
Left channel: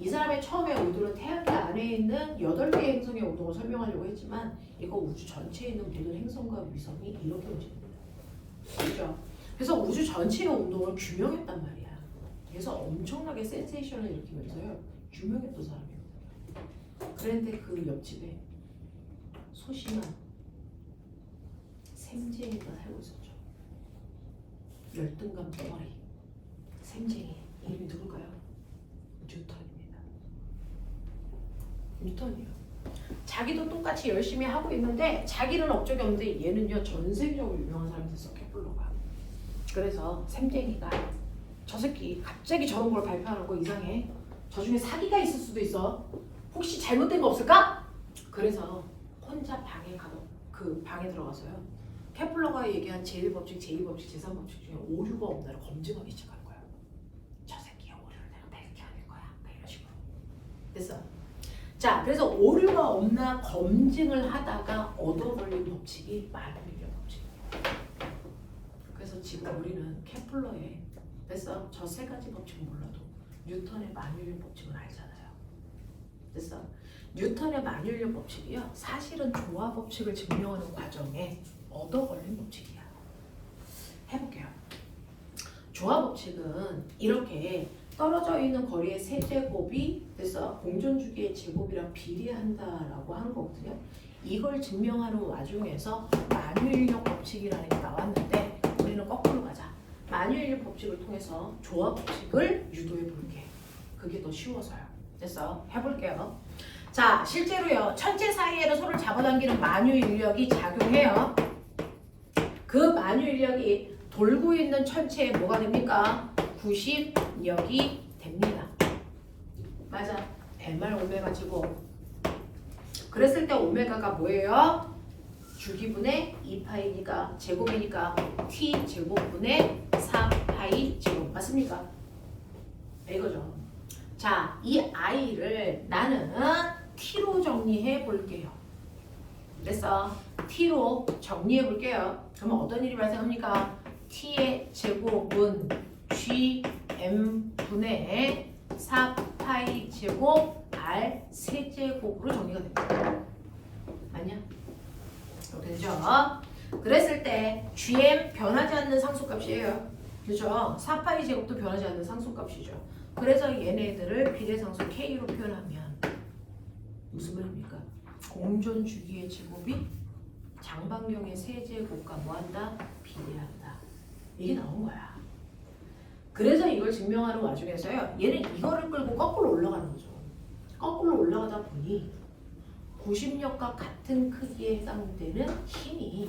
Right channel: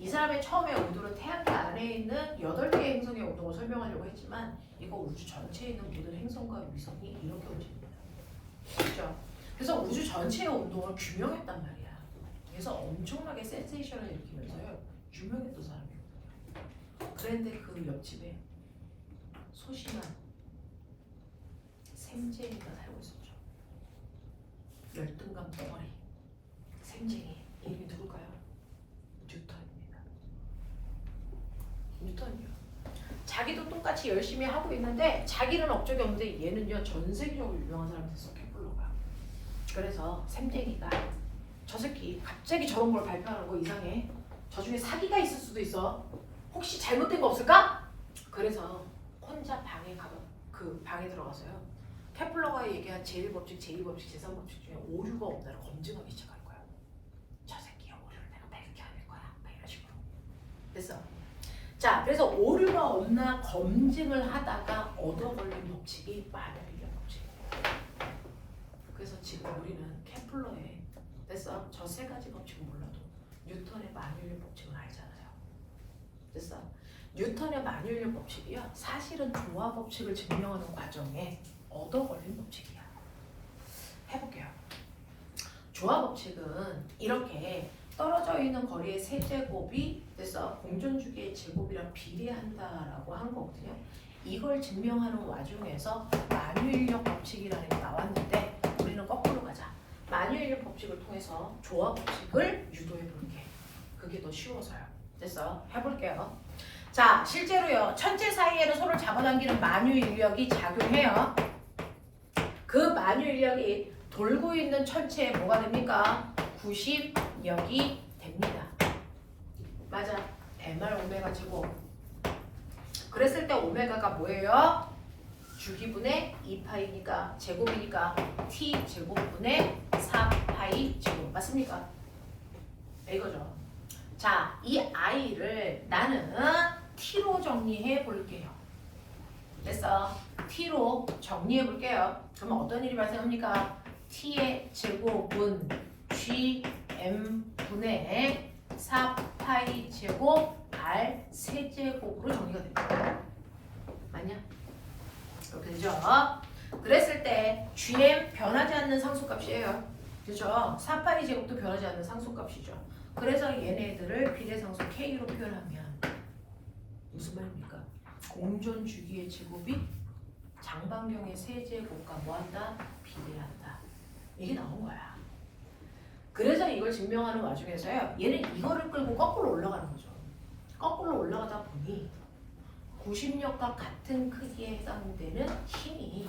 이 사람의 처음에 의도는 태양계 안에 있는 8개의 행성의 온도를 설명하려고 했지만 이거 우주 전체에 있는 모든 행성과 위성이 이렇게 움직입니다. 그렇죠? 그래서 우주 전체의 온도를 규명했단 말이야. 그래서 엄청나게 센세이션을 일으키면서요. 규명했던 사람이에요. 그런데 그 옆집에 소심한 샘쟁이가 살고 있었죠. 열등감 덩어리. 샘쟁이. 이름이 누굴까요? 뉴턴입니다. 뉴턴이요. 자기도 똑같이 열심히 하고 있는데 자기는 업적이 없는데 얘는요 전 세계적으로 유명한 사람이 됐어. 케플러가. 그래서 샘쟁이가 저 새끼 갑자기 저런 걸 발표하는 거 이상해. 저 중에 사기가 있을 수도 있어. 혹시 잘못된 거 없을까? 그래서 혼자 방에 가서 그 방에 들어가서요. 케플러가 얘기한 제1법칙, 제2법칙, 제3법칙 중에 오류가 없나를 검증하기 시작하는 거야. 저 새끼의 오류를 내가 밝혀낼 거야. 이런 식으로. 됐어. 자, 그래서 오류가 없나 검증을 하다가 얻어걸린 법칙이 마르밀리오 법칙입니다. 그래서 지금 우리는 케플러의 됐어? 저 세 가지 법칙은 몰라도 뉴턴의 마르밀리오 법칙은 알잖아요. 됐어? 뉴턴의 마르밀리오 법칙이요. 사실은 조화 법칙을 증명하는 과정에 얻어걸린 법칙이야. 해볼게요. 조화 법칙은 이렇게 떨어져 있는 거리의 세제곱이 됐어? 공전주기의 제곱이랑 비례한다라고 하는 거거든요. 이걸 증명하는 와중에서 마누일력 법칙이라는 게 나왔는데 우리는 거꾸로 가자. 마누일력 법칙을 통해서 조화 법칙을 유도해 볼게. 그게 더 쉬워서요. 됐어? 해볼게요. 자, 실제로요. 천체 사이에는 서로 잡아당기는 마누인력이 작용해요. 그 마누인력이 돌고 있는 천체에 뭐가 됩니까? 구십력이 됩니다. 맞아. mr 오메가 제곱. 그랬을 때 오메가가 뭐예요? 주기분의 2파이니까 제곱이니까 t 제곱분의 4파이 제곱. 맞습니까? 이거죠. 자, 이 i를 나는 t로 정리해 볼게요. 됐어? t로 정리해 볼게요. 그러면 어떤 일이 발생합니까? t의 제곱은 gm분의 4파이 제곱 r 세제곱으로 정리가 됩니다. 맞냐? 이렇게 되죠? 그랬을 때 gm 변하지 않는 상수값이에요. 그죠? 4파이 제곱도 변하지 않는 상수값이죠. 그래서 얘네들을 비례상수 k로 표현하면 무슨 말입니까? 공전 주기의 제곱이 장반경의 세제곱과 뭐한다? 비례한다. 이게 나온 거야. 그래서 이걸 증명하는 와중에서요. 얘는 이거를 끌고 거꾸로 올라가는 거죠. 거꾸로 올라가다 보니 90력과 같은 크기에 해당되는 힘이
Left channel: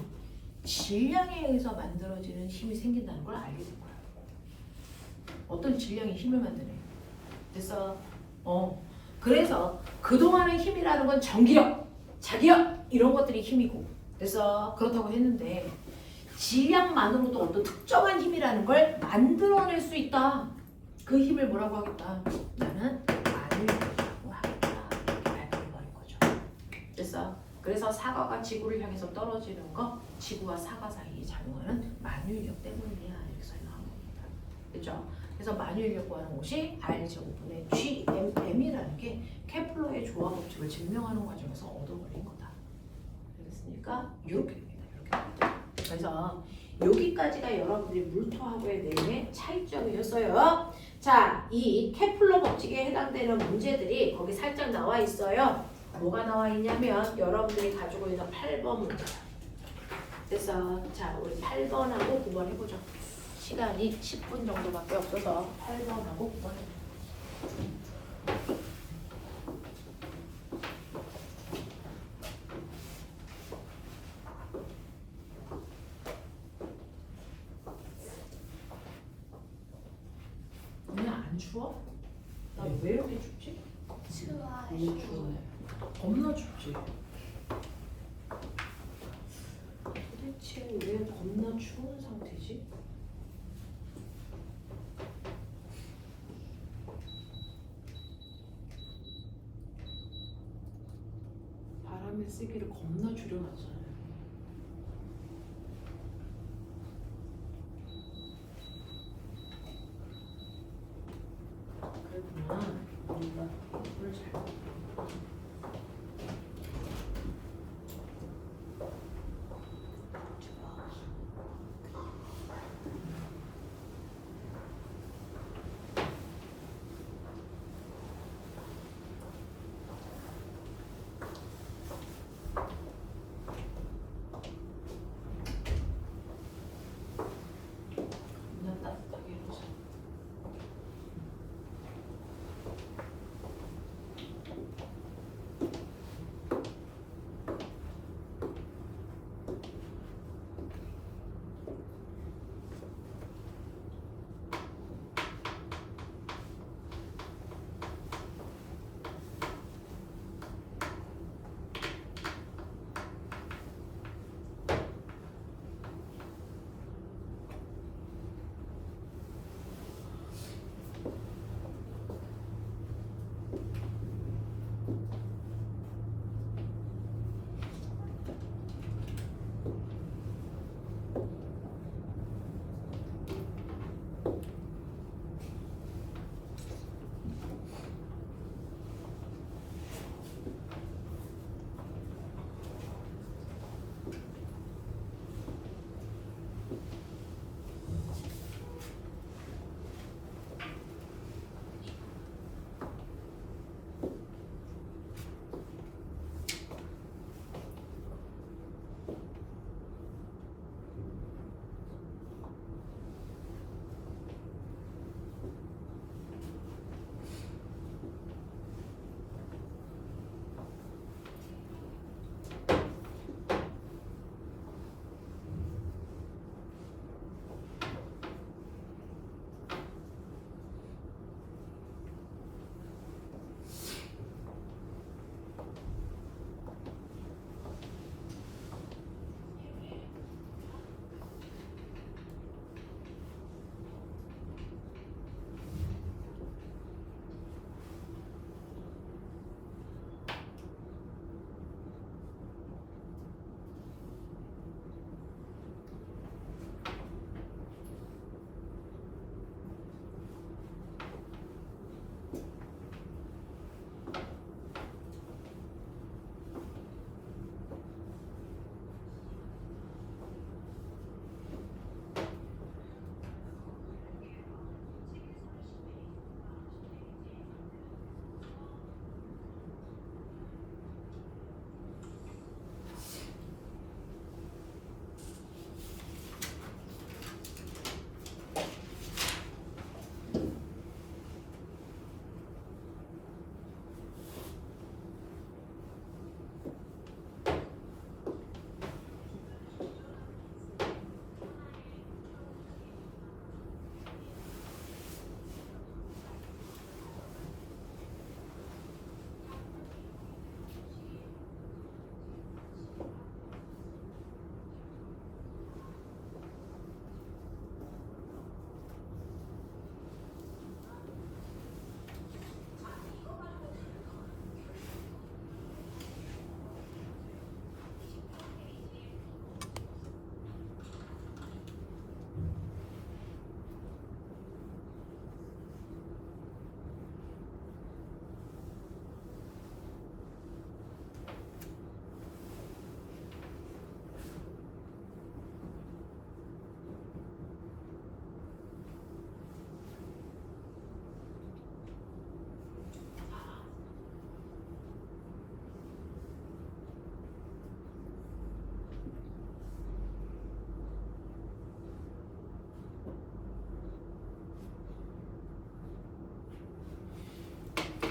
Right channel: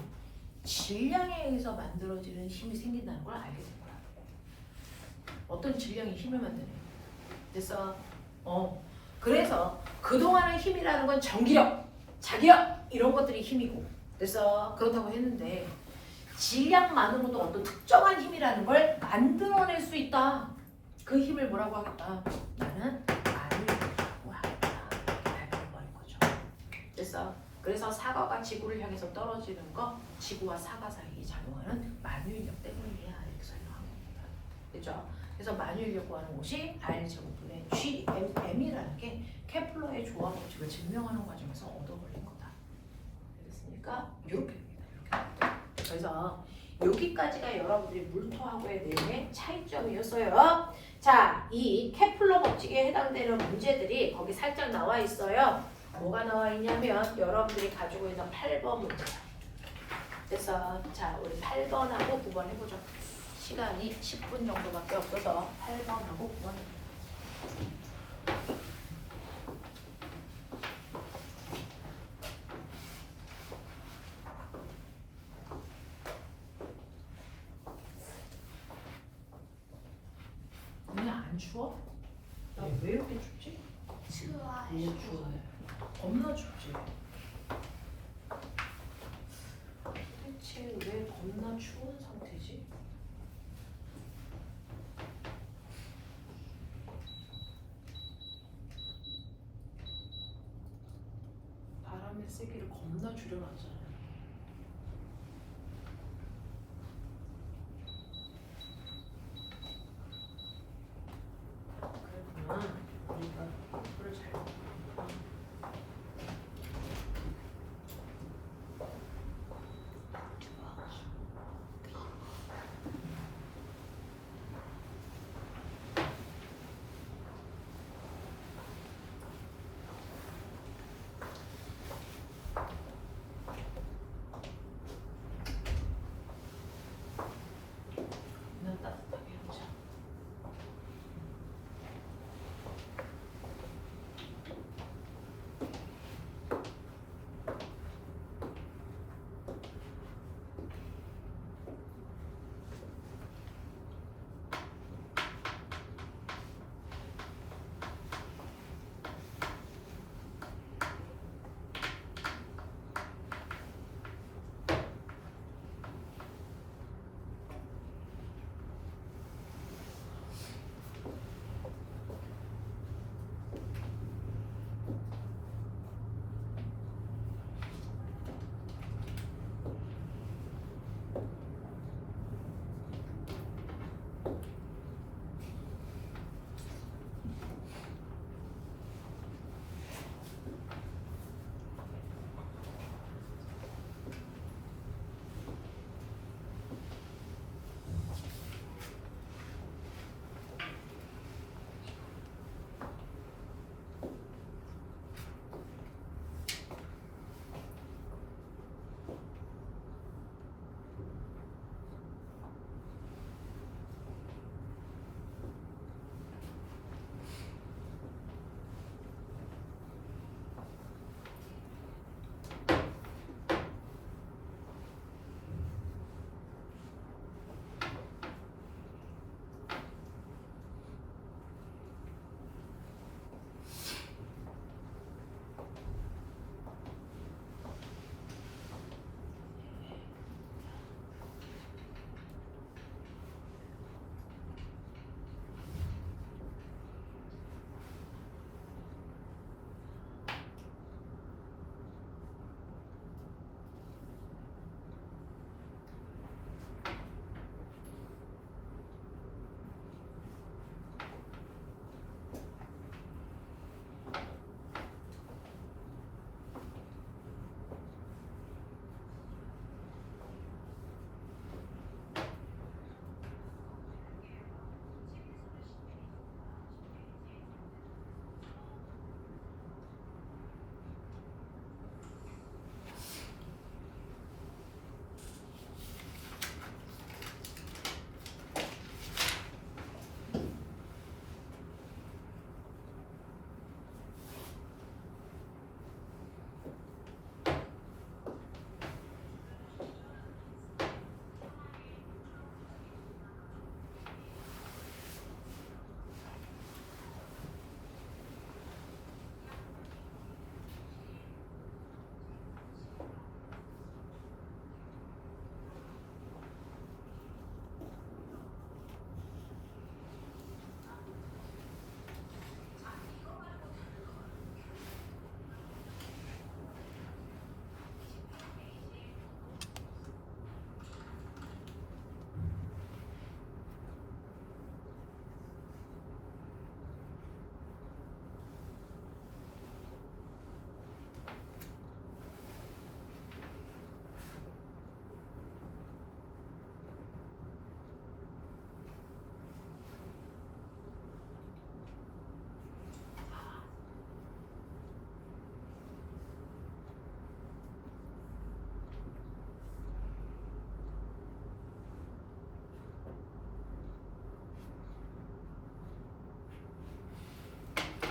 질량에 의해서 만들어지는 힘이 생긴다는 걸 알게 된 거야. 어떤 질량이 힘을 만드네. 됐어? 그래서 그동안의 힘이라는 건 전기력, 자기력 이런 것들이 힘이고 됐어? 그렇다고 했는데 질량만으로도 어떤 특정한 힘이라는 걸 만들어낼 수 있다. 그 힘을 뭐라고 하겠다? 나는 마늘력이라고 하겠다. 알려버린 거죠. 됐어? 그래서 사과가 지구를 향해서 떨어지는 거 지구와 사과 사이에 작용하는 만유인력 때문이야. 이렇게 설명한 겁니다. 됐죠? 그래서 만유인력 구하는 것이 R제곱분의 GMM이라는 게 케플러의 조화 법칙을 증명하는 과정에서 얻어걸린 거다. 알겠습니까? 이렇게 됩니다. 이렇게 됩니다. 그래서 여기까지가 여러분들이 물토하고의 내용의 차이점이었어요. 자, 이 케플러 법칙에 해당되는 문제들이 거기 살짝 나와 있어요. 뭐가 나와 있냐면 여러분들이 가지고 있는 8번 문제. 됐어. 자, 우리 8번하고 9번 해보죠. 시간이 10분 정도밖에 없어서 8번하고 9번 해보죠. 오늘 안 추워? 나 왜 이렇게 춥지? 추워요. 너무 추워요. 겁나 춥지? 얼마나 추운 상태지? 바람의 세기를 겁나 줄여놨잖아요. 그랬구나. 물을 잘 그냥 따뜻하게 해보자.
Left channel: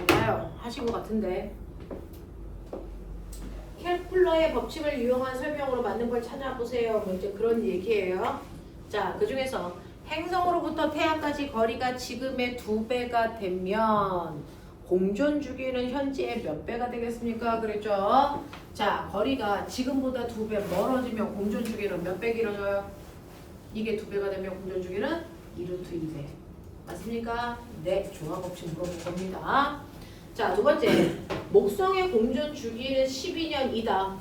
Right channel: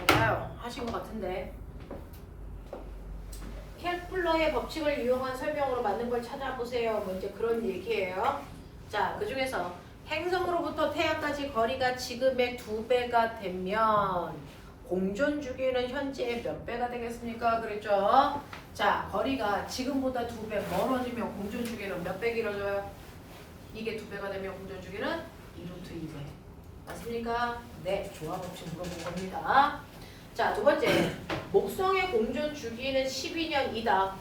좋아요. 하신 것 같은데. 켈플러의 법칙을 이용한 설명으로 만든 걸 찾아보세요. 뭐 이제 그런 얘기예요. 자, 그 중에서 행성으로부터 태양까지 거리가 지금의 2배가 되면 공전 주기는 현재의 몇 배가 되겠습니까? 그랬죠? 자, 거리가 지금보다 2배 멀어지면 공전 주기는 몇 배 길어져요? 이게 2배가 되면 공전주기는 2루트 2배. 맞습니까? 네, 조합 없이 물어본 겁니다. 자, 두 번째. 목성의 공전주기는 12년 2다.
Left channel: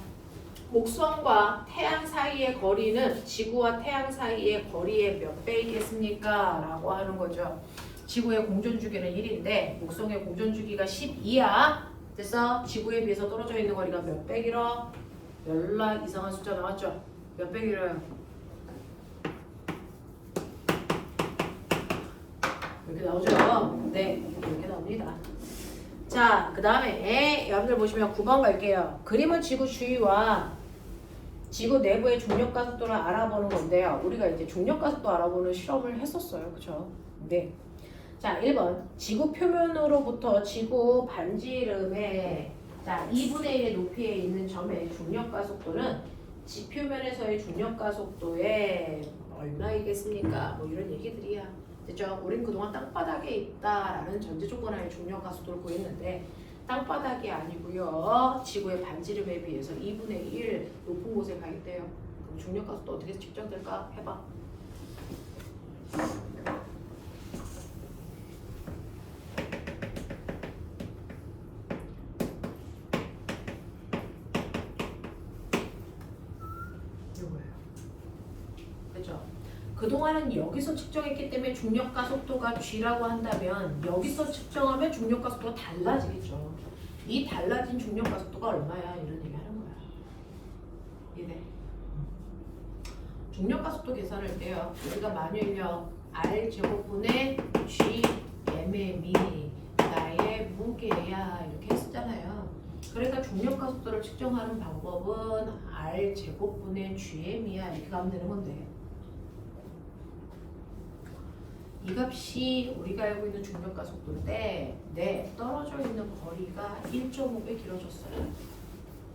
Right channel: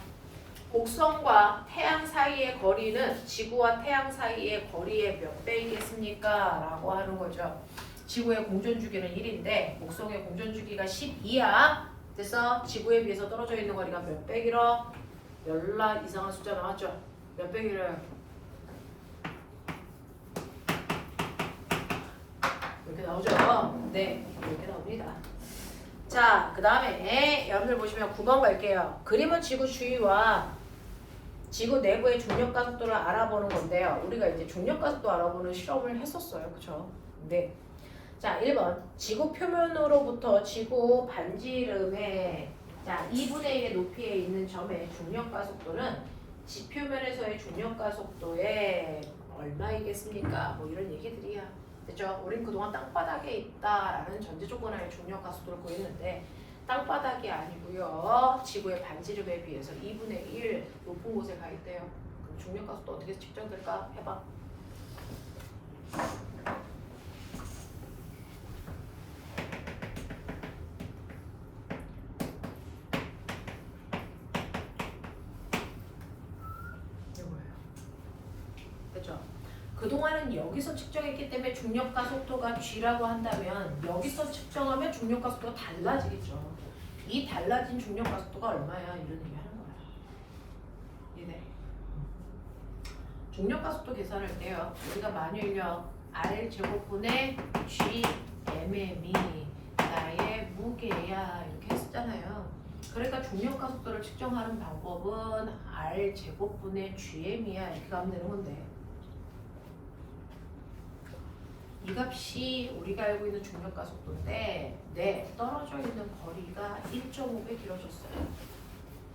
목성과 태양 사이의 거리는 지구와 태양 사이의 거리의 몇 배이겠습니까? 라고 하는 거죠. 지구의 공전주기는 1인데 목성의 공전주기가 12야. 그래서 지구에 비해서 떨어져 있는 거리가 몇 배 길어? 열나 이상한 숫자 나왔죠? 몇 배 길어요? 이렇게 나오죠? 네, 이렇게 나옵니다. 자, 그 다음에 여러분들 보시면 9번 갈게요. 그림은 지구 주위와 지구 내부의 중력가 속도를 알아보는 건데요. 우리가 이제 중력가 속도 알아보는 실험을 했었어요. 그쵸? 네. 자, 1번. 지구 표면으로부터 지구 반지름의 자, 2분의 1의 높이에 있는 점의 중력가 속도는 지표면에서의 중력가 속도에 얼마이겠습니까? 뭐 이런 얘기들이야. 됐죠? 우린 그동안 땅바닥에 있다라는 전제 조건 하에 중력가 속도를 구했는데 땅바닥이 아니고요. 지구의 반지름에 비해서 2분의 1 높은 곳에 가 있대요. 그럼 중력가 속도 어떻게 측정될까? 해봐. 이거예요. 그죠? 그동안은 여기서 측정했기 때문에 중력가 속도가 G라고 한다면 여기서 측정하면 중력가 속도가 달라지겠죠. 이 달라진 중력가 속도가 얼마야? 이런 얘기 하는 거야. 이래. 중력가 속도 계산을 해요. 우리가 만일요 R 제곱분의 G mm이 나의 무게야 이렇게 했었잖아요. 그러니까 중력가 속도를 측정하는 방법은 R 제곱분의 GM이야 이렇게 가면 되는 건데 이 값이 우리가 알고 있는 중력가 속도인데 네, 떨어져 있는 거리가 1.5배 길어졌어요.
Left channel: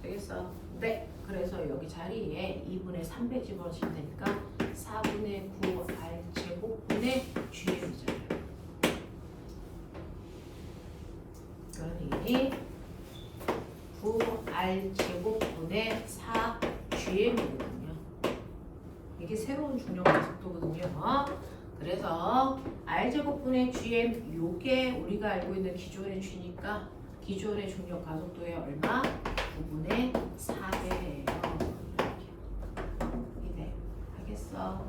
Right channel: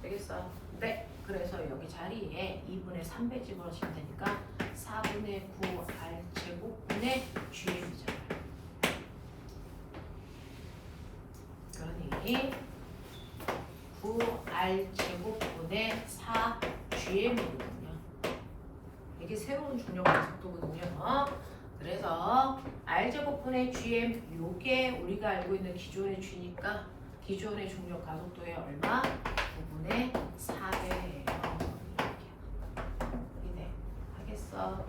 되겠어? 네. 그래서 여기 자리에 2분의 3배 집어넣으시면 되니까 4분의 9 R 제곱분의 GM이잖아요. 그러니 9 R 제곱분의 4 GM이거든요. 이게 새로운 중력가 속도거든요. 그래서 R제곱분의 GM 요게 우리가 알고 있는 기존의 G니까 기존의 중력 가속도의 얼마? 9분의 4배예요. 이렇게 하겠어?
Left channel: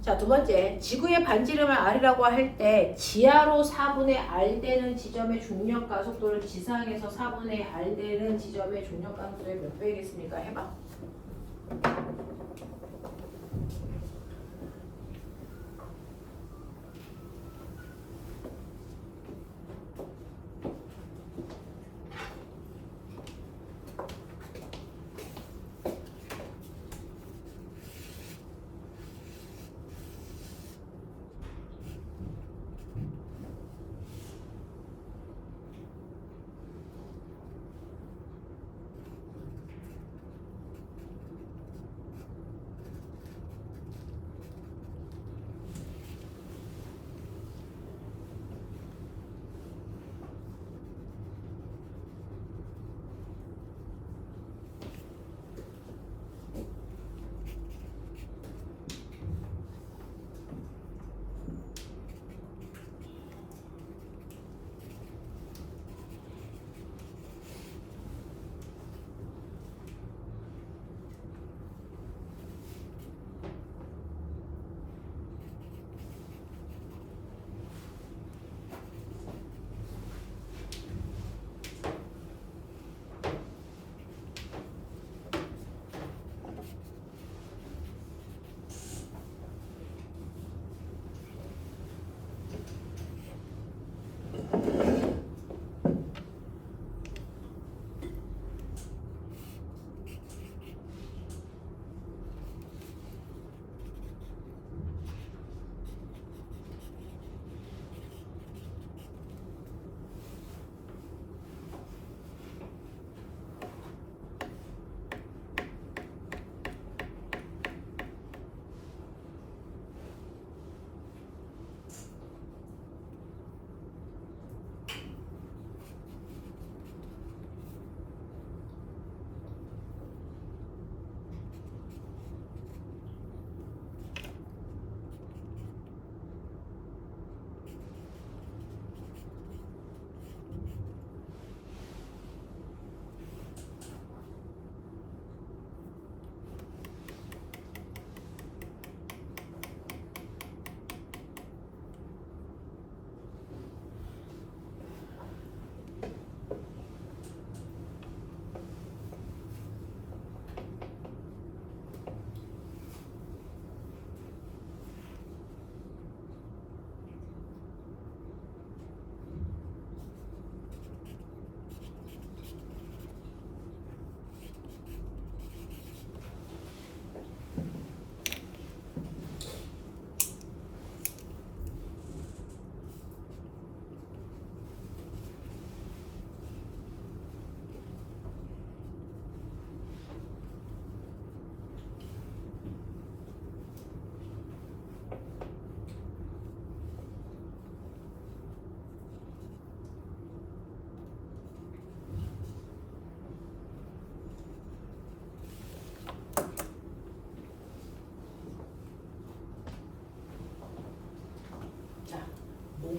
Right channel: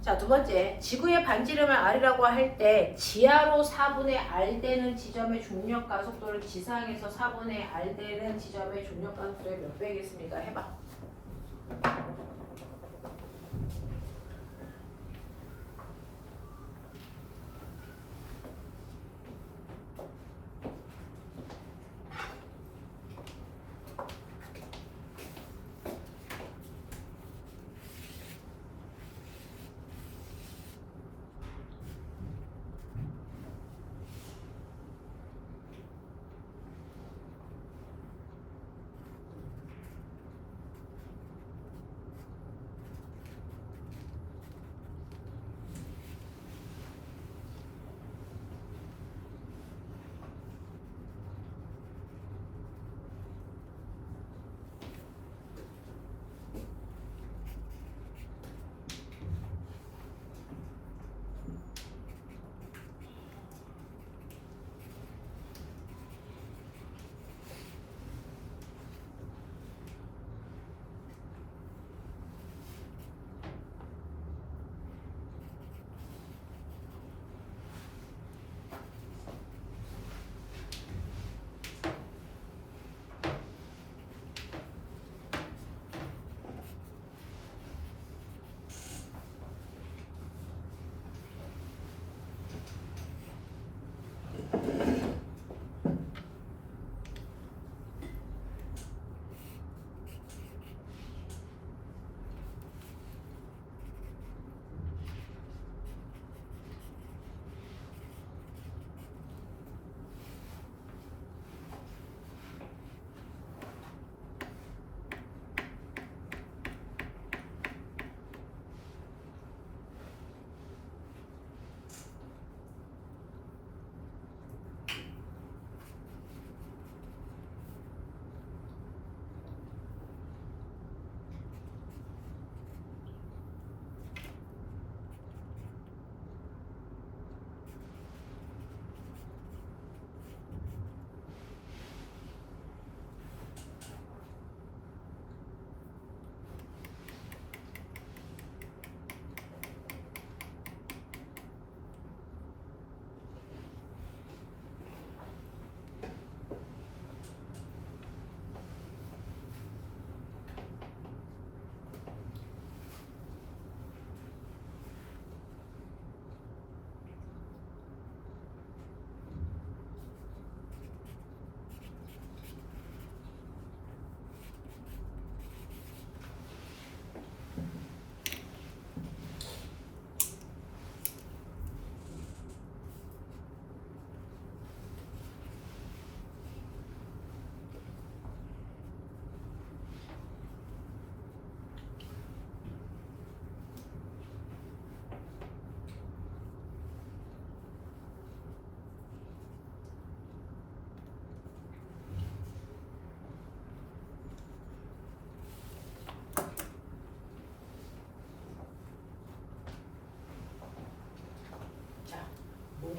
자, 두 번째. 지구의 반지름을 R이라고 할 때 지하로 4분의 R 되는 지점의 중력 가속도는 지상에서 4분의 R 되는 지점의 중력 가속도의 몇 배겠습니까? 해봐.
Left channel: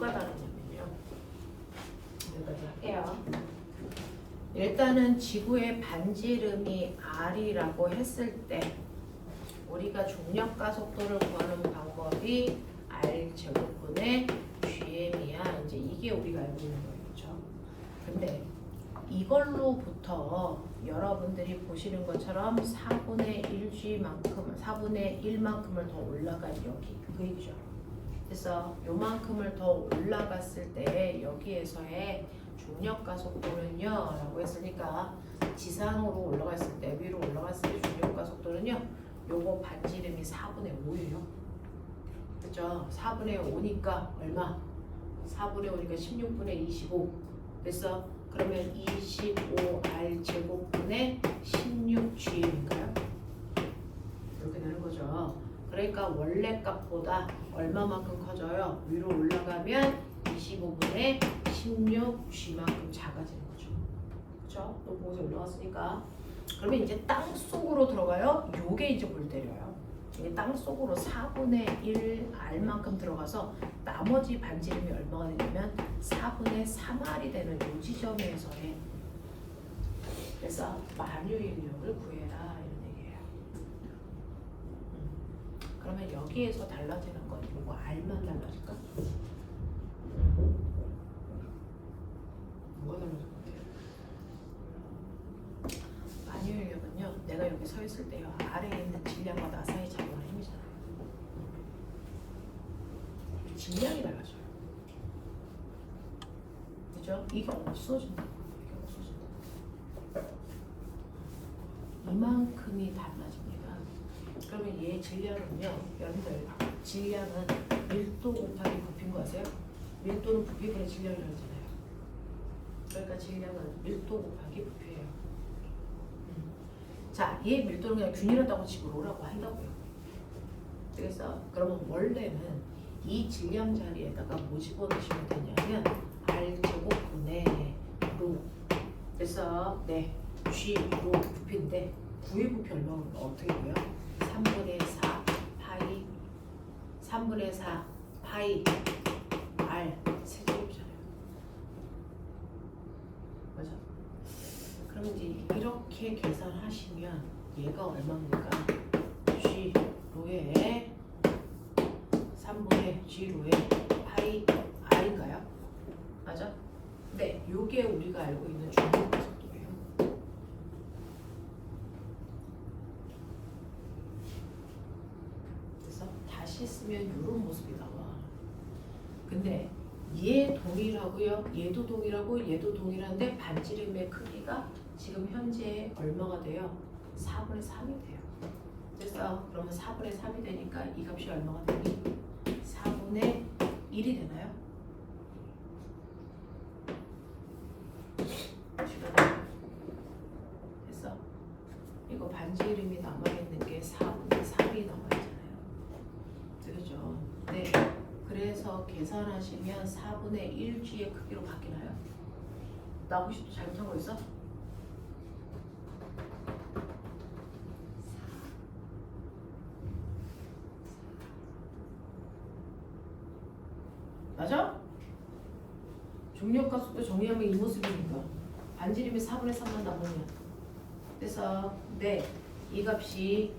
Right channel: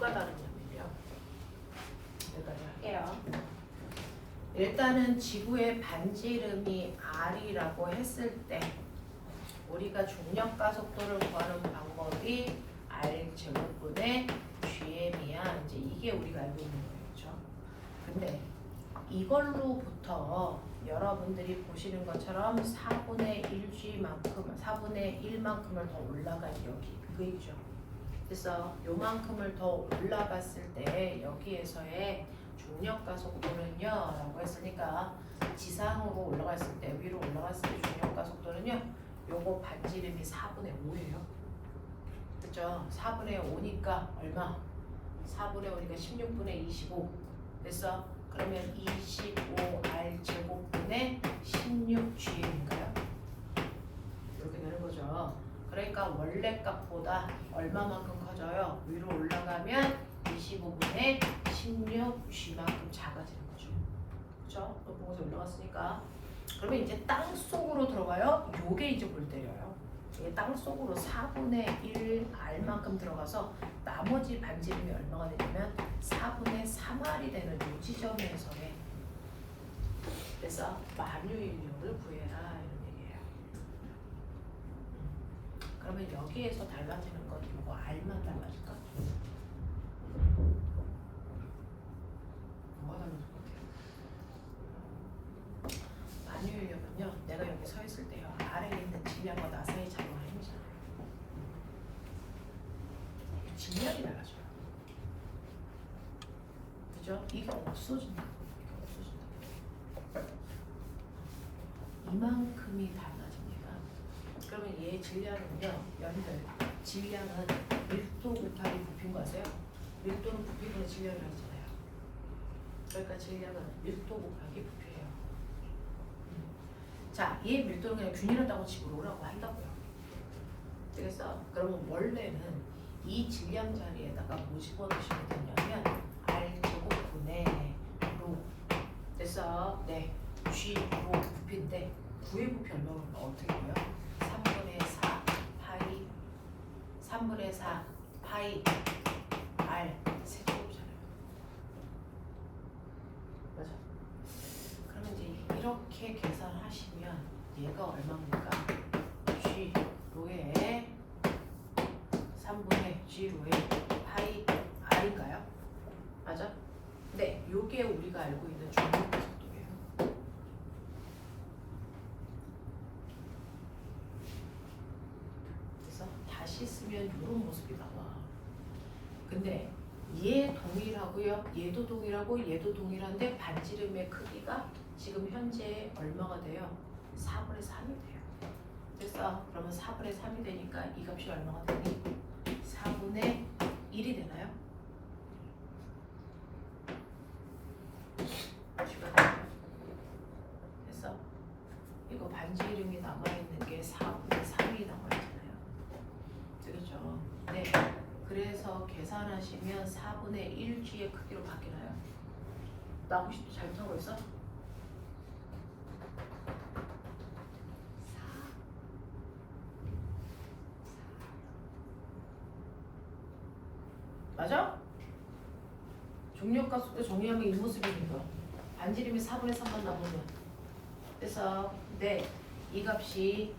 뭐가 다르냐면요. 여기까지 할게요. 일단은 지구의 반지름이 r이라고 했을 때 우리가 중력가속도를 구하는 방법이 r 제곱분의 gm이야. 이제 이게 우리가 알고 있는 거겠죠. 근데 이걸로부터 여러분들이 보시는 것처럼 4분의 1g만큼, 4분의 1만큼을 더 올라간 여기 그 얘기죠. 그래서 요만큼을 더 올라갔을 때 여기에서의 중력가속도는요 라고 했으니까 지상으로 올라갔을 때 위로 올라갔을 때 중력가속도는요 요거 반지름이 4분의 5예요. 그죠? 4분의 5니까 얼마? 4분의 5니까 16분의 25. 그래서 그러면 25r 제곱분의 16g인가요? 이렇게 되는 거죠. 그러니까 원래 값보다 얼마만큼 커져요? 위로 올라가면 25분의 16g만큼 작아지는 거죠. 그렇죠? 또 보고서 올라갔으니까. 그러면 이제 땅 속으로 들어가요. 요게 이제 골 때려요. 이게 땅 속으로 4분의 1 r만큼 들어가서 나머지 반지름이 얼마가 되냐면 4분의 3r이 되는 요 지점에서의 그래서 만유인력을 구해라 이런 얘기예요. 그러면 여기에서 달라지는 건 요거 r만 달라질까? 뭐가 다른 것 같아요? 만유인력은요 내가 여기 서 있을 때요 아래에 있는 질량과 나 사이 작용하는 힘이잖아요. 질량이 달라져요. 그죠? 이게 없어진다. 이만큼이 달라집니다. 그러면 얘 질량은요, 여러분들 질량은 밀도 곱하기 부피인 거 아세요? 밀도는 부피분의 질량이라고 하잖아요. 그러니까 질량은 밀도 곱하기 부피예요. 자, 얘 밀도는 그냥 균일하다고 집으로 오라고 한다고요. 그래서 그러면 원래는 이 질량 자리에다가 뭐 집어넣으시면 되냐면 r 제곱분의 로. 그래서 네, g 로 부피인데 구의 부피 얼마면 어떻게 보여? 3분의 4 파이 3분의 4 파이 r 세제곱이잖아요. 맞아? 그러면 이제 이렇게 계산하시면 얘가 얼마입니까? g 로에 3분의 g로에 파이 r인가요? 맞아? 네, 요게 우리가 알고 있는 중력가속도예요. 그래서 다시 쓰면 이런 모습이 나와. 근데 얘 동일하고요. 얘도 동일하고 얘도 동일한데 반지름의 크기가 지금 현재 얼마가 돼요? 4분의 3이 돼요. 그래서 그러면 4분의 3이 되니까 이 값이 얼마가 되니? 4분의 1이 되나요? 됐어? 이거 반지름이 남아있는 게 4분의 3이 남아있잖아요. 그렇죠? 네. 그래서 계산하시면 4분의 1g의 크기로 바뀌나요? 나 혹시 또 잘못한 거 있어? 맞아? 중력가속도 정의하면 이 모습이니까 반지름이 4분의 3만 남으면 그래서 네, 이 값이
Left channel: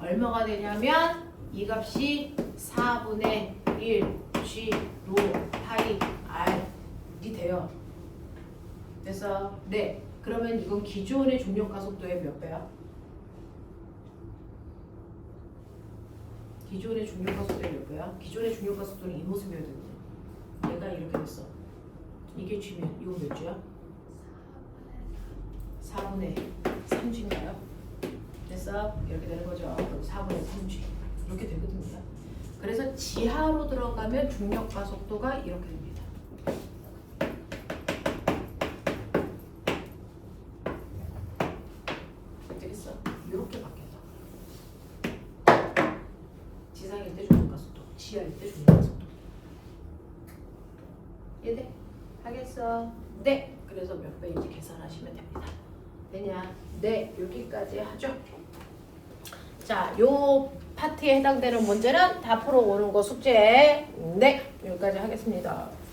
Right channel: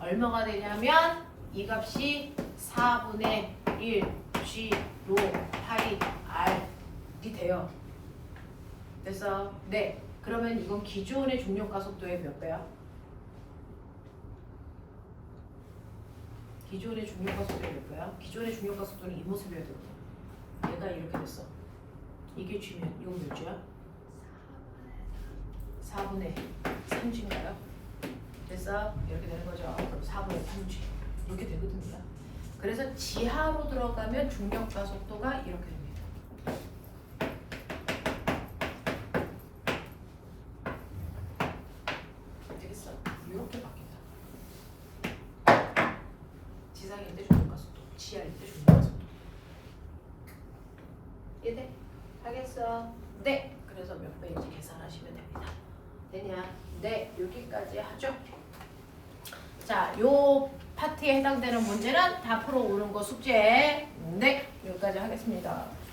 얼마가 되냐면 이 값이 4분의 1 g 로 파이 r이 돼요. 그래서 네, 그러면 이건 기존의 중력가속도의 몇 배야? 기존의 중력가속도의 몇 배야? 기존의 중력가속도는 이 모습이어야 되거든. 얘가 이렇게 됐어. 이게 G면 이건 몇 G야? 4분의 3G인가요? 그래서 이렇게 되는 거죠. 그럼 4분의 3G 이렇게 되거든요. 그래서 지하로 들어가면 중력가속도가 이렇게 됩니다. 되겠어? 이렇게 바뀐다. 지상일 때 중력가속도, 지하일 때 중력가속도. 이해돼? 하겠어? 네! 그래서 몇 배인지 계산하시면 됩니다. 되냐? 네, 여기까지 하죠. 자, 요 파트에 해당되는 문제는 다 풀어오는 거 숙제. 네, 여기까지 하겠습니다. 하겠습니다.